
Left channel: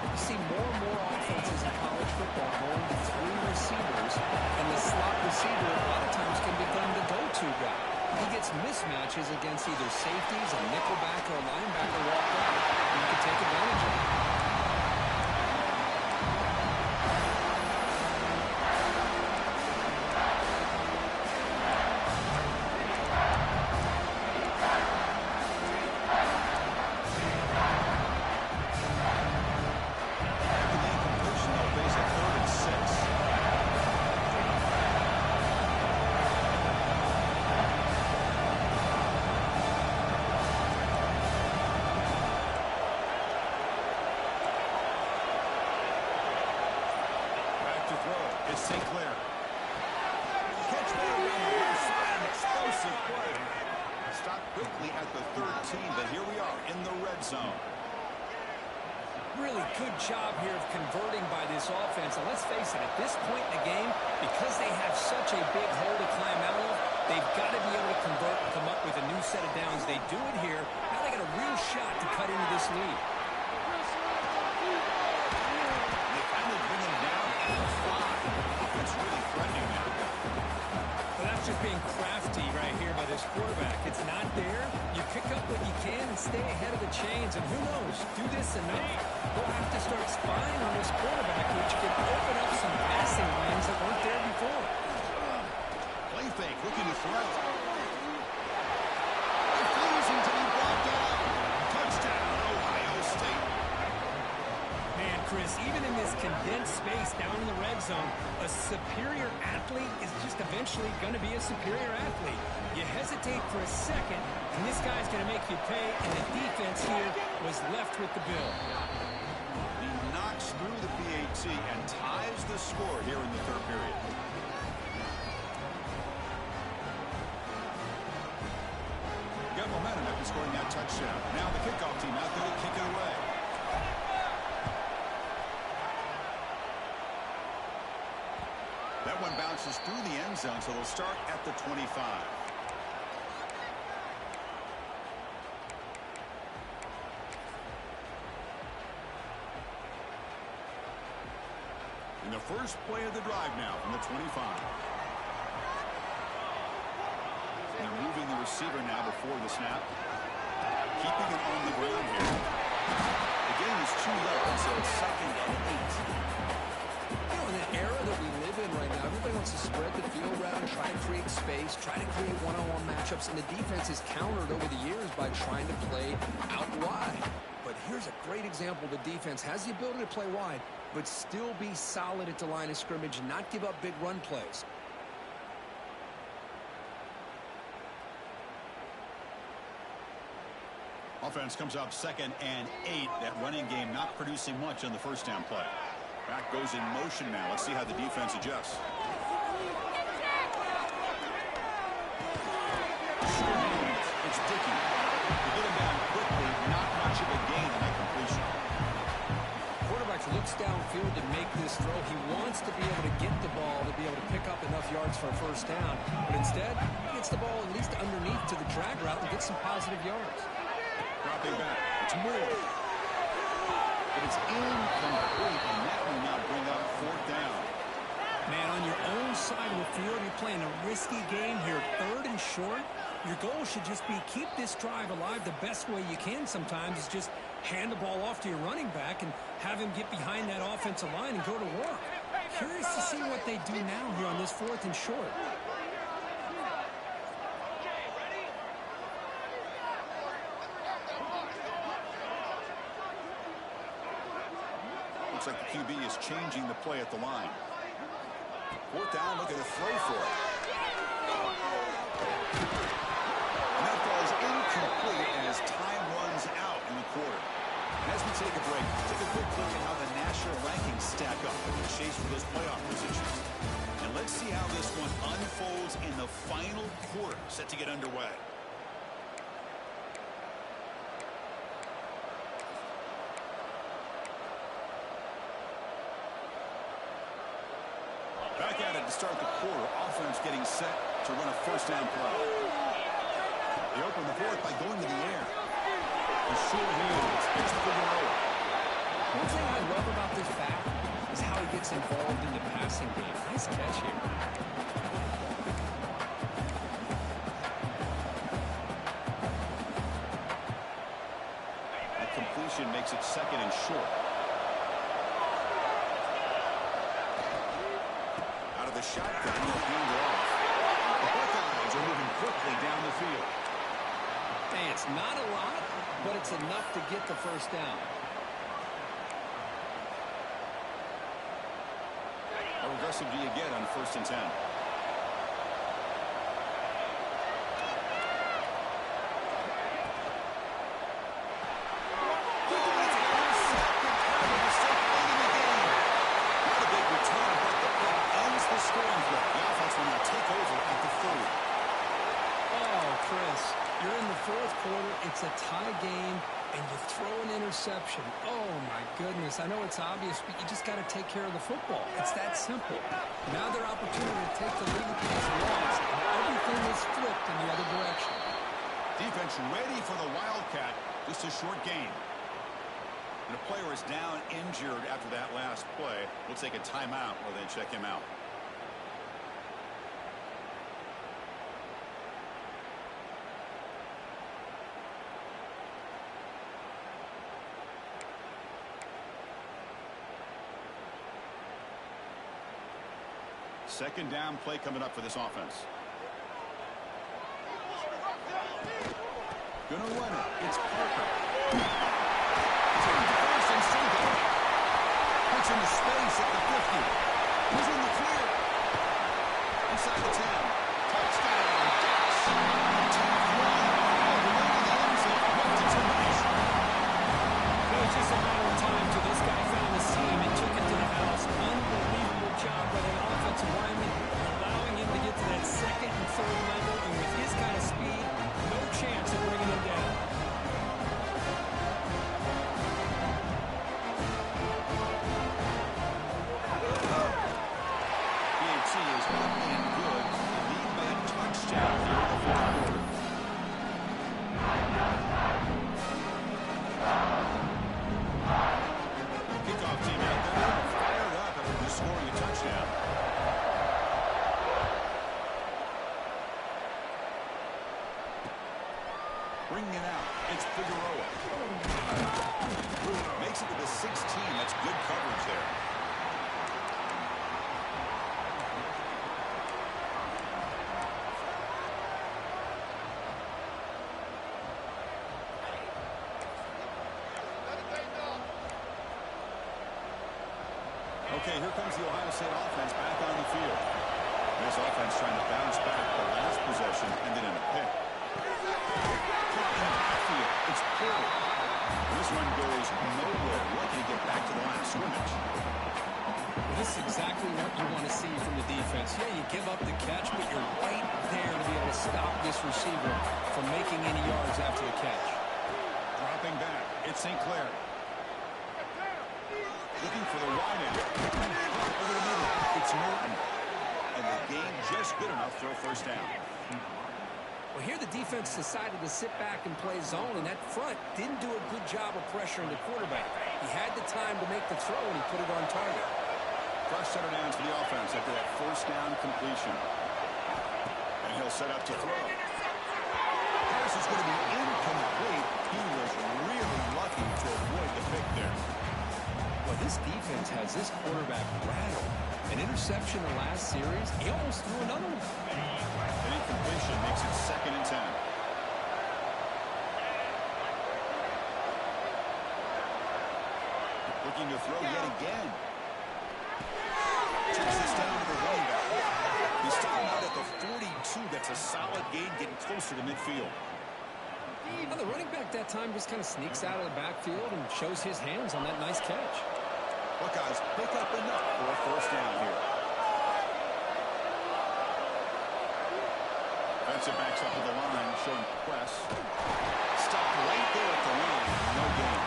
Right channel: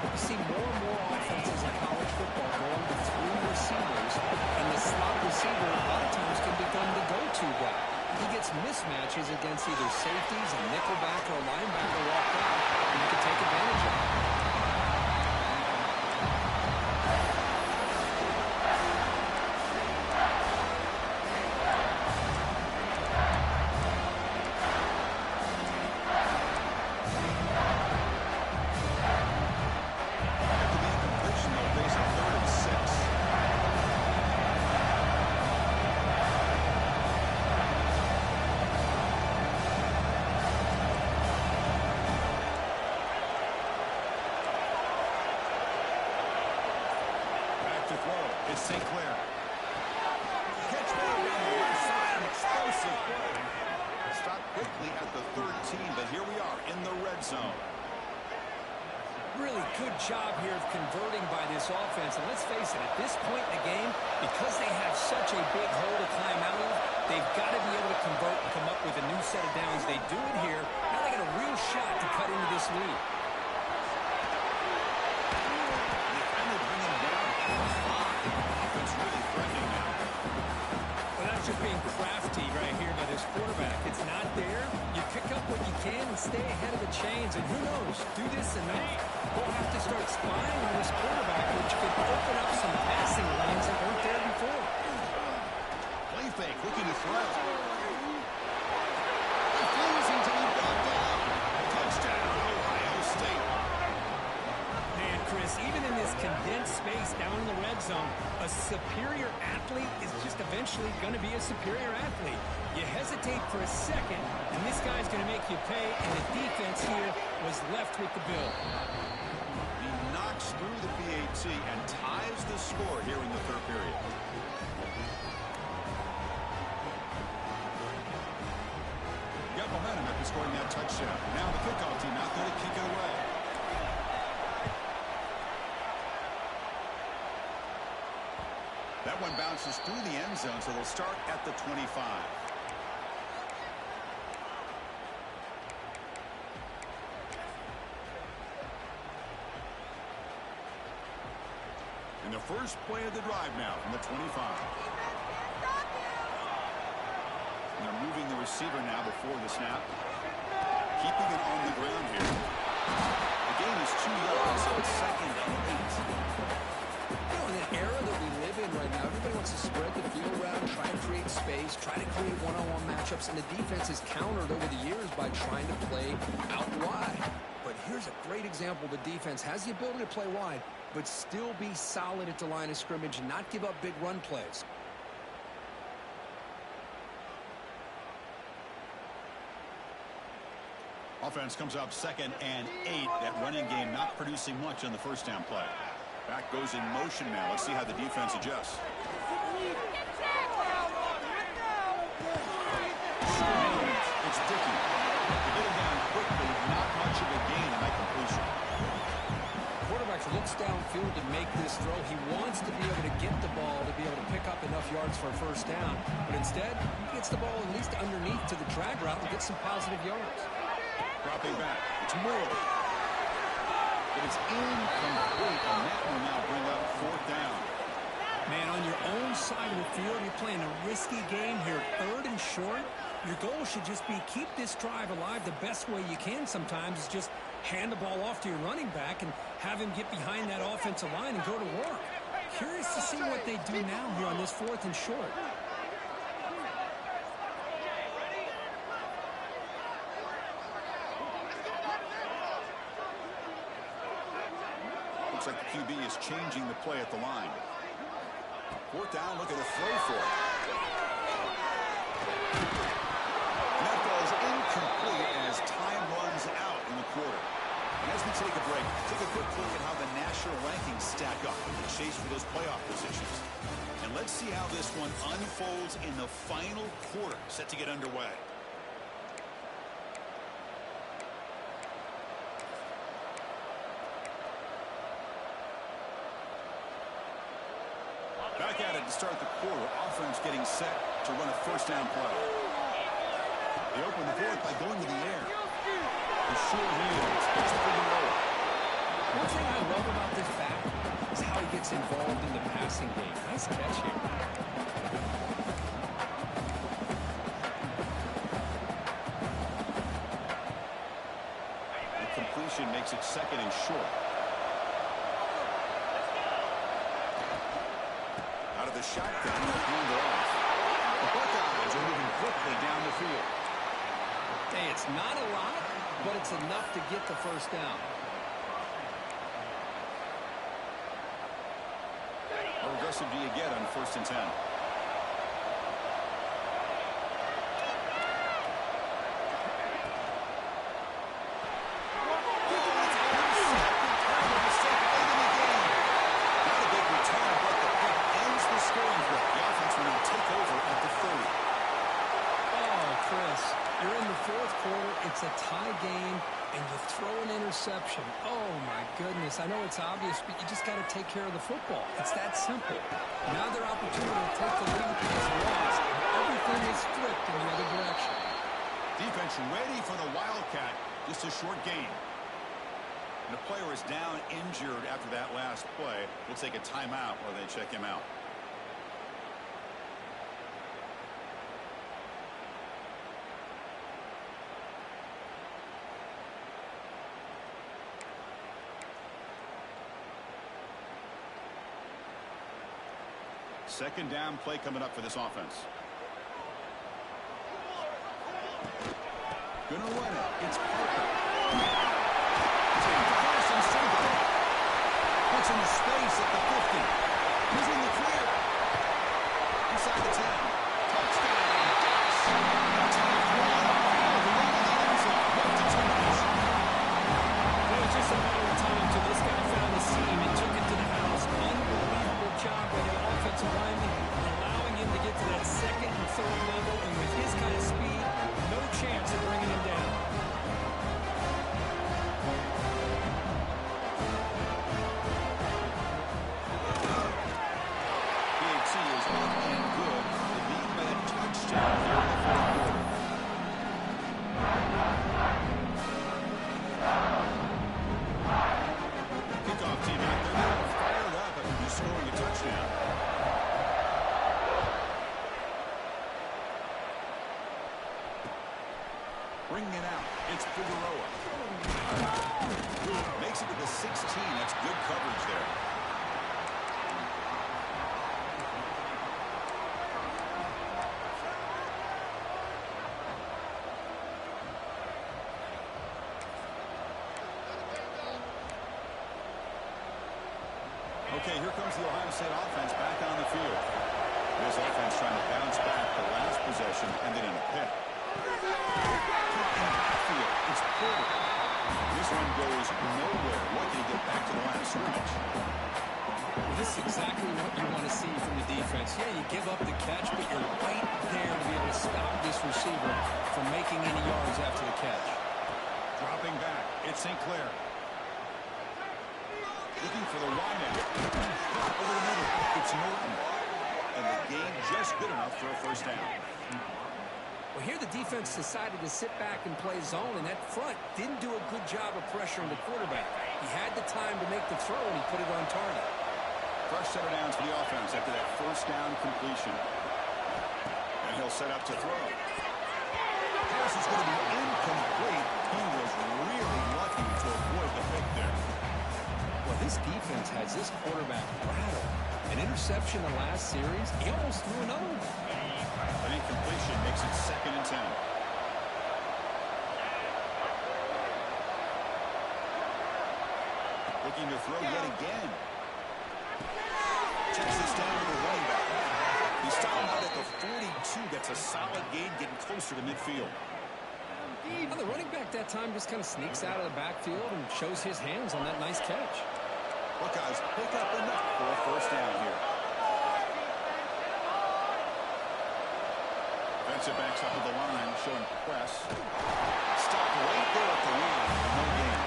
You see more and more offenses in college football going to 3 receivers, and the slot receiver a lot of times can become the go-to guy. He gets mismatches against either safeties, a nickelback, or a linebacker walked out, and you can take advantage of it. To throw. It's St. Clair. Catch ball down the left side. An explosive play. Stopped quickly at the 13, but here we are in the red zone. Really good job here of converting by this offense. And let's face it, at this point in the game, because they have such a big hole to climb out of, they've got to be able to convert and come up with a new set of downs. They do it here. Now they got a real shot to cut into this lead. They finally bring him down at the 5. Offense really threatening now. Well, that's just being crafty right here by this quarterback. It's not there. You pick up what you can and stay ahead of the chains. And who knows, do this enough, we'll have to start spying on this quarterback, which can open up some passing lanes that weren't there before. Play fake, looking to throw. Refusing to be brought down. Touchdown, Ohio State. Man, Chris, even in this condensed space down in the red zone, a superior athlete is just eventually going to be a superior athlete. You hesitate for a second, and this guy's going to make you pay, and the defense here was left with the bill. He knocks through the PAT and ties the score here in the third period. Got momentum after scoring that touchdown. Now the kickoff team out there to kick it away. That one bounces through the end zone, so they'll start at the 25. In the first play of the drive now from the 25. And they're moving the receiver now before the snap. Keeping it on the ground here. The gain is 2 yards, so it's 2nd and 8. You know, in an era that we live in right now, everybody wants to spread the field around, try to create space, try to create one-on-one matchups, and the defense is countered over the years by trying to play out wide. But here's a great example. The defense has the ability to play wide, but still be solid at the line of scrimmage and not give up big run plays. Offense comes up 2nd and 8. That running game not producing much on the first down play. Back goes in motion now. Let's see how the defense adjusts. It's Dickey. To get him down quickly, not much of a gain on that completion. Quarterback looks downfield to make this throw. He wants to be able to get the ball to be able to pick up enough yards for a first down. But instead, he gets the ball at least underneath to the drag route and gets some positive yards. Dropping back. It's Moore. But it's incomplete, and that will now bring up 4th down. Man, on your own side of the field, you're playing a risky game here. 3rd and short. Your goal should just be keep this drive alive. The best way you can sometimes is just hand the ball off to your running back and have him get behind that offensive line and go to work. Curious to see what they do now here on this 4th and short. Looks like the QB is changing the play at the line. 4th down, looking to throw for it. And that ball is incomplete as time runs out in the quarter. And as we take a break, take a quick look at how the national rankings stack up in the chase for those playoff positions. And let's see how this one unfolds in the final quarter, set to get underway. Back at it to start the quarter. Offense getting set to run a first down play. They open the 4th by going to the air. The short hands. It's Figueroa. One thing I love about this back is how he gets involved in the passing game. Nice catch here. The completion makes it 2nd and short. Out of the shotgun, they'll hand it off. The Buckeyes are moving quickly down the field. Hey, it's not a lot, but it's enough to get the first down. How aggressive do you get on 1st and 10? Scoring threat. The offense will now take over at the 30. Oh, Chris, you're in the 4th quarter. It's a tie game, and you throw an interception. Oh, my goodness. I know it's obvious, but you just got to take care of the football. It's that simple. Now their opportunity to take the lead is lost. Everything is flipped in the other direction. Defense ready for the Wildcat. Just a short game. And a player is down injured after that last play. We'll take a timeout while they check him out. Second down play coming up for this offense. Gonna run it. It's Parker. Take the first and still going. Puts into space at the 50. He's in the clear. Inside the 10. Touchdown. Ducks. A tough one. All the way to the end zone. What determination. It was just a matter of time till this guy found the seam and took it to the house. Unbelievable job by the offensive lineman, allowing him to get to that 2nd and 3rd level, and with his kind of speed, no chance of bringing him down. He touchdown. Bringing it out, it's Figueroa. Makes it to the 16. That's good coverage there. Okay, here comes the Ohio State offense back on the field. This offense trying to bounce back the last possession, ended in a pick. Caught in the backfield. It's Porter. This one goes nowhere. Lucky to get back to the line of scrimmage. Well, this is exactly what you want to see from the defense. Yeah, you give up the catch, but you're right there to be able to stop this receiver from making any yards after the catch. Dropping back, it's St. Clair. Looking for the wide out. Over the middle, it's Norton. And the gain just good enough for a first down. Well, here the defense decided to sit back and play zone, and that front didn't do a good job of pressuring the quarterback. He had the time to make the throw, and he put it on target. Fresh set of downs for the offense after that first down completion. And he'll set up to throw. Pass is going to be incomplete. He was really lucky to avoid the pick there. Well, this defense has this quarterback rattled. An interception the last series, he almost threw another one. An incompletion makes it 2nd and 10. Looking to throw yet again. Checks this down to the running back. He's stopping out at the 42. That's a solid gain, getting closer to midfield. Well, the running back that time just kind of sneaks out of the backfield and shows his hands on that nice catch. Buckeyes pick up enough for a first down here. Defensive backs up to the line, showing press. Stopped right there at the line. No gain.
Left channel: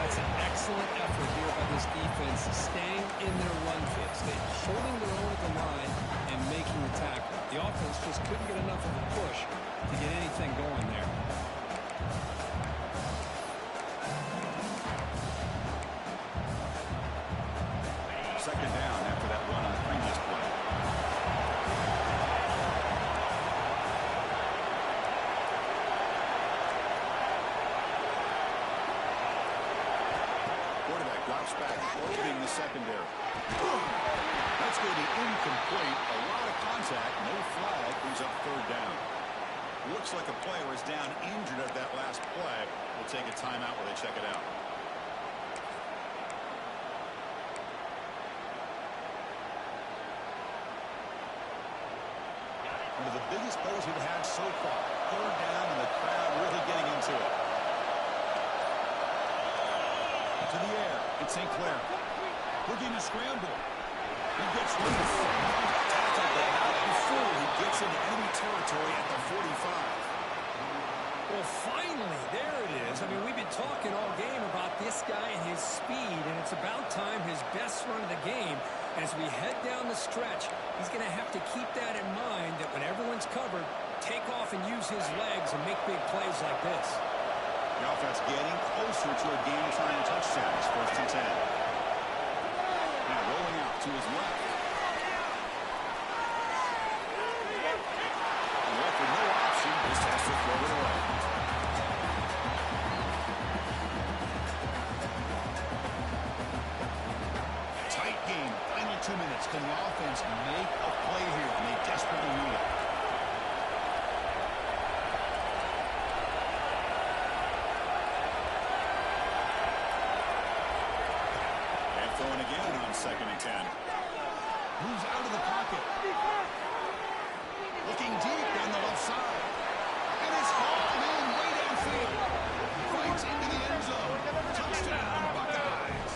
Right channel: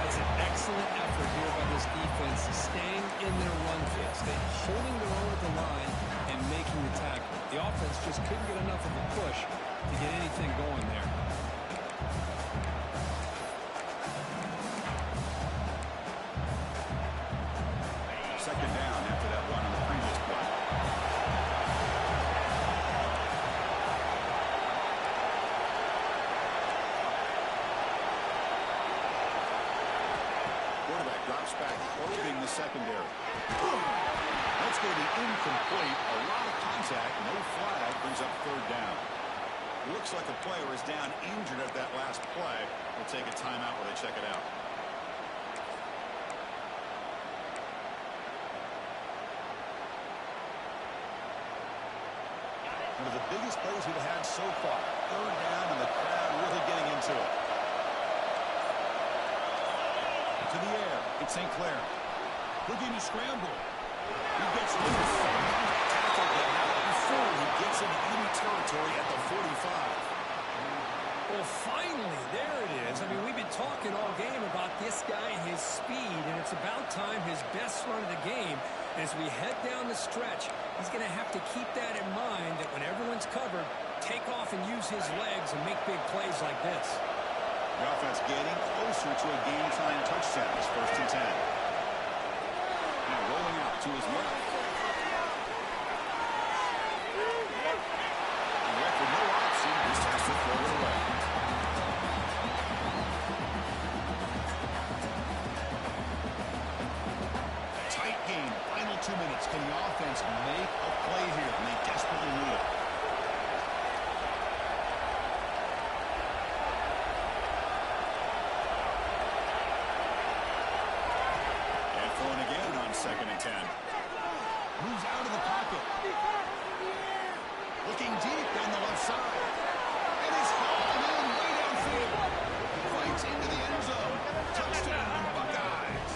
That's an excellent effort here by this defense, staying in their run fit, holding their own at the line and making the tackle. The offense just couldn't get enough of a push to get anything going there. Second down after that run on the previous play. Quarterback drops back, probing the secondary. That's going to be incomplete. A lot of contact, no flag, brings up 3rd down. Looks like a player is down injured at that last play. We'll take a timeout while they check it out. One of the biggest plays we've had so far. 3rd down and the crowd really getting into it. To the air, it's St. Clair. Looking to scramble. He gets loose. Tackled, but not before he gets into enemy territory at the 45. Well, finally, there it is. I mean, we've been talking all game about this guy and his speed, and it's about time his best run of the game. As we head down the stretch, he's going to have to keep that in mind, that when everyone's covered, take off and use his legs and make big plays like this. The offense getting closer to a game-time touchdown. It's 1st and 10. Now rolling out to his left. And left with no option, just has to throw it away. Tight game, final 2 minutes. Can the offense make a play here? And they desperately need it. Throwing again on 2nd and 10. Moves out of the pocket. Looking deep down the left side. And is hauled in way downfield. Fights into the end zone. Touchdown, Buckeyes.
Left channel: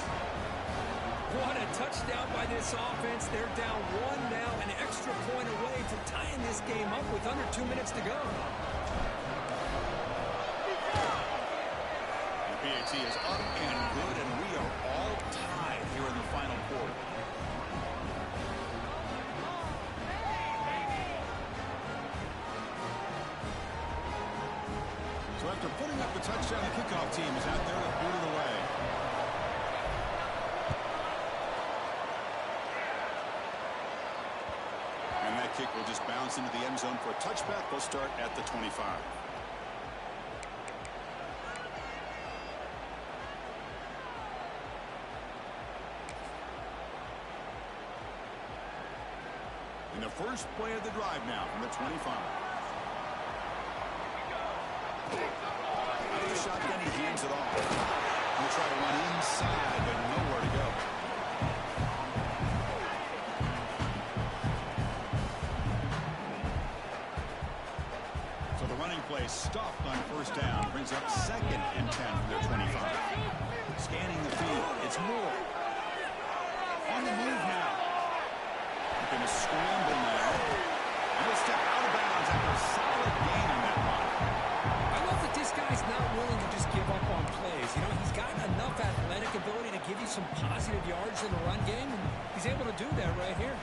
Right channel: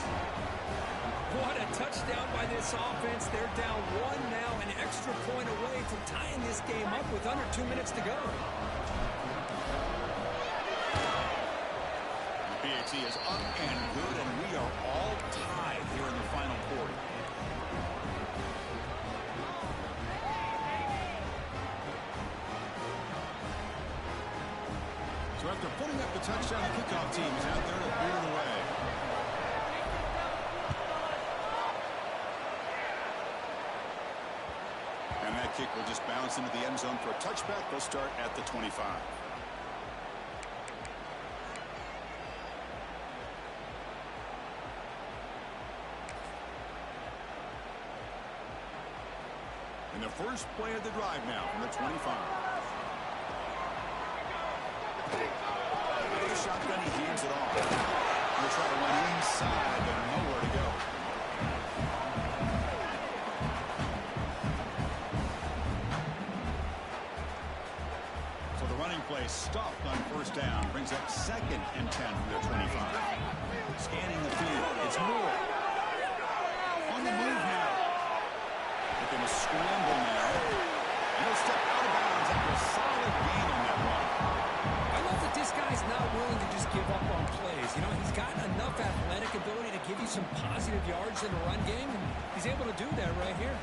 What a touchdown by this offense. They're down 1 now, an extra point away from tying this game up with under 2 minutes to go. PAT is up and good, and we are all tied here in the final quarter. So after putting up the touchdown, the kickoff team is out there to boot it away. kick will just bounce into the end zone for a touchback. They'll start at the 25. In the first play of the drive now from the 25. Out of the shotgun, he hands it off. He'll try to run inside, but nowhere to go. So the running play stopped on first down. Brings up 2nd and 10 from their 25. Scanning the field. It's Moore. On the move now. Looking to scramble now. And he'll step out of bounds after a solid gain on that run. I love that this guy's not willing to just give up on plays. You know, he's got enough athletic ability to give you some positive yards in the run game, and he's able to do that right here.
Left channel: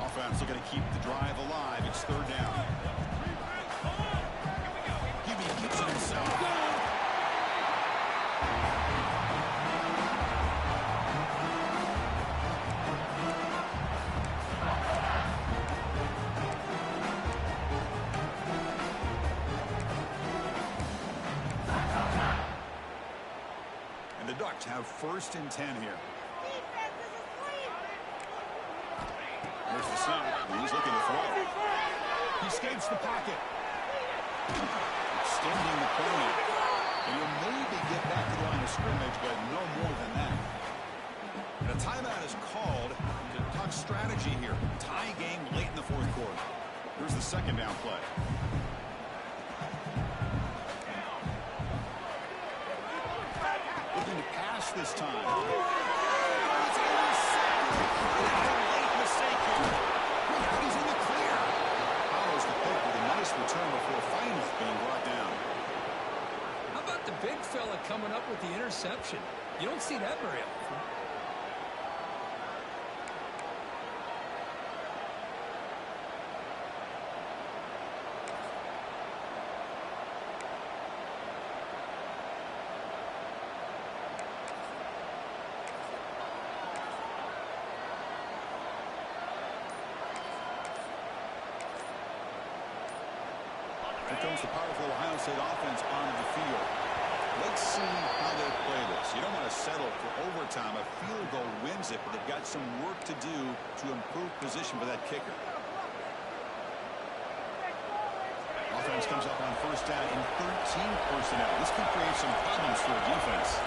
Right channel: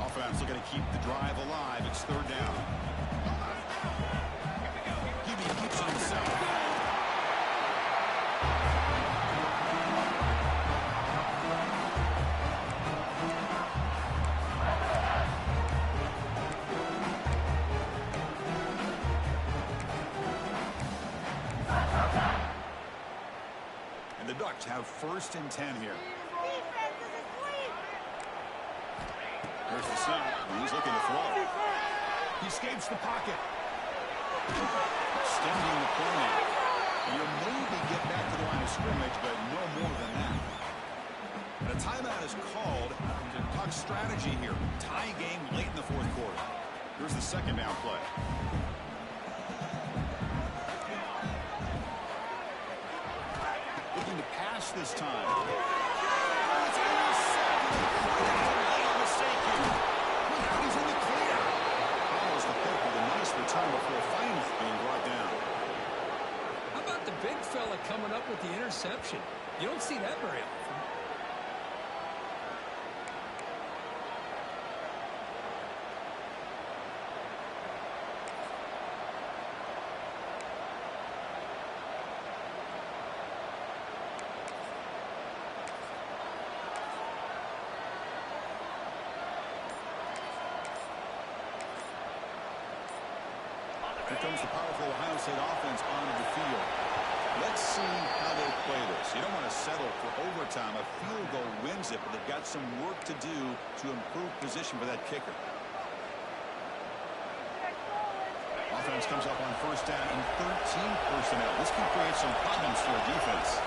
Offense looking to keep the drive alive. It's 3rd down. QB keeps it himself. And the Ducks have 1st and 10 here. There's the snap, and he's looking to throw. He escapes the pocket. Extending the play now. And you'll maybe get back to the line of scrimmage, but no more than that. And a timeout is called to talk strategy here. Tie game late in the 4th quarter. Here's the 2nd down play. Looking to pass this time. It's intercepted. Late mistake here. Look out, he's in the clear. Follows the pick with a nice return before finally being brought down. How about the big fella coming up with the interception? You don't see that very often. Here comes the powerful Ohio State offense onto the field. Let's see how they play this. You don't want to settle for overtime. A field goal wins it, but they've got some work to do to improve position for that kicker. Offense comes up on first down in 13 personnel. This could create some problems for a defense.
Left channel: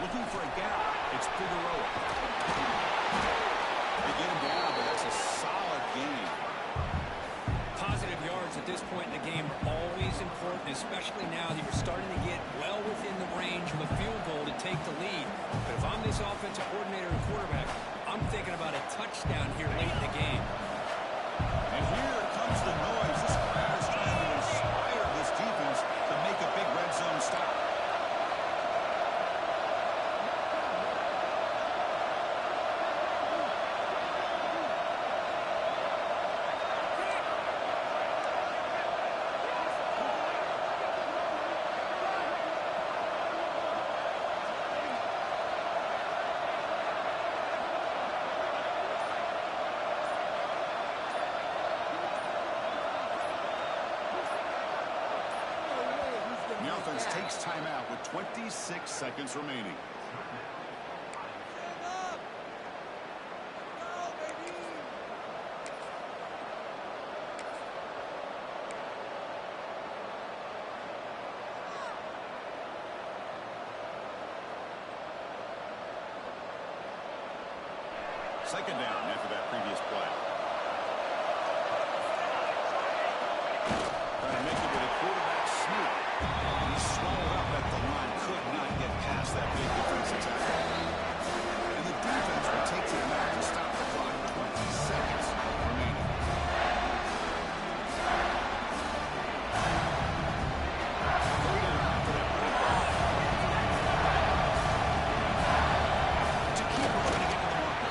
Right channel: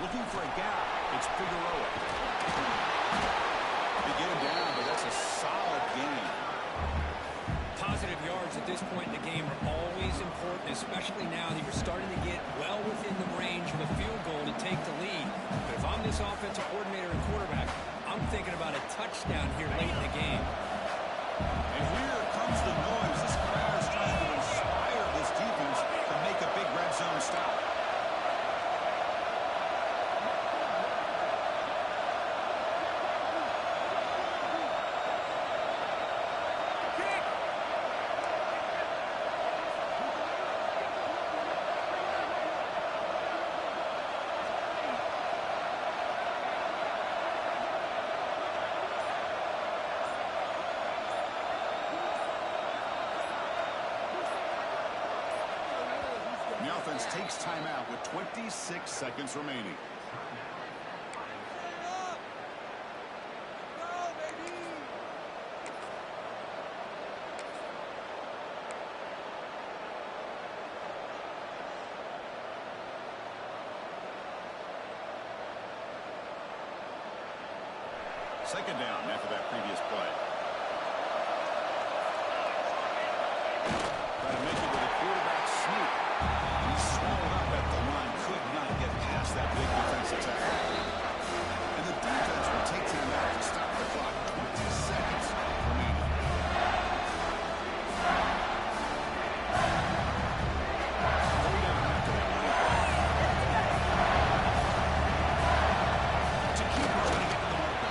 Looking for a gap. It's Figueroa. They get him down, but that's a solid gain. Positive yards at this point in the game are always important, especially now that you're starting to get well within the range of a field goal to take the lead. But if I'm this offensive coordinator and quarterback, I'm thinking about a touchdown here late in the game. And here comes the noise. This crowd is trying to inspire this defense to make a big red zone stop. The offense takes timeout with 26 seconds remaining. Second down after that previous play. Trying to make it with a quarterback sneak. He swallowed up at the line, could not get past that big defensive tackle. And the defense will take time out to stop the clock. 20 seconds remaining. Third down after that running play. To keep her trying to get to the marker.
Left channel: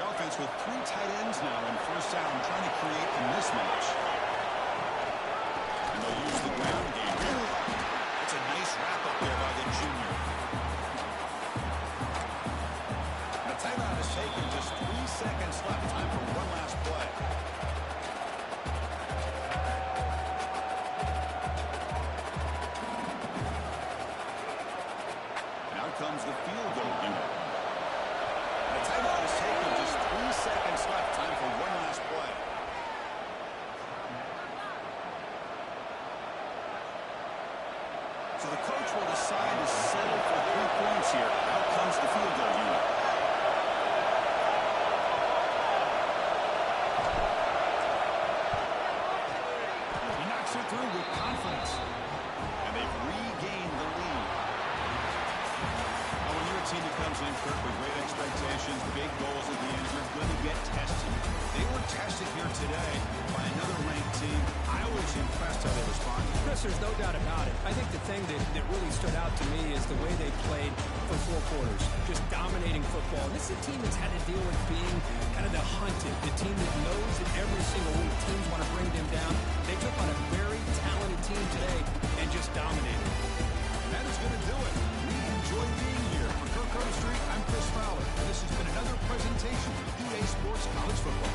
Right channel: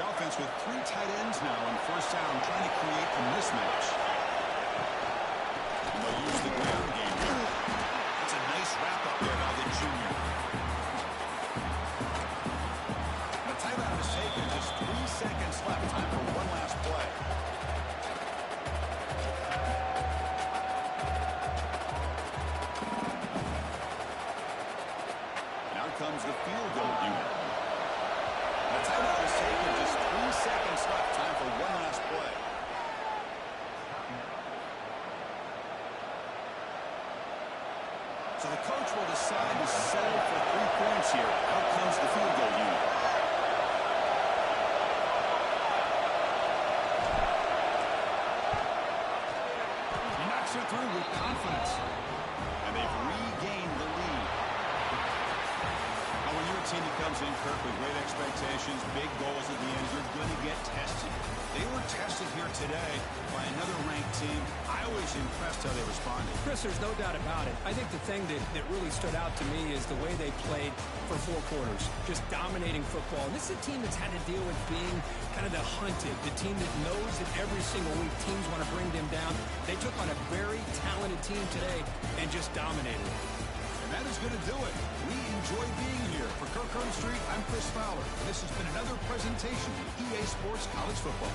The offense with 3 tight ends now in first down, trying to create a mismatch. And they'll use the ground game here. That's a nice wrap up there by the junior. And a timeout is taken. Just 3 seconds left. Time for one last play. And out comes the field goal unit. And a timeout is taken. Just 3 seconds left. Time for one last play. So the coach will decide to settle for 3 points here. Out comes the field goal unit. He knocks it through with confidence. And they've regained the lead. Now, when you're a team that comes in, Kirk, with great expectations, big goals at the end, you're going to get tested. They were tested here today by another ranked team. I was impressed how they responded. Chris, there's no doubt about it. I think the thing that really stood out to me is the way they played for 4 quarters, just dominating football. And this is a team that's had to deal with being kind of the hunted, the team that knows that every single week teams want to bring them down. They took on a very talented team today and just dominated. And that is going to do it. We enjoy being here. For Kirk Curtis Street, I'm Chris Fowler. And this has been another presentation of EA Sports College Football.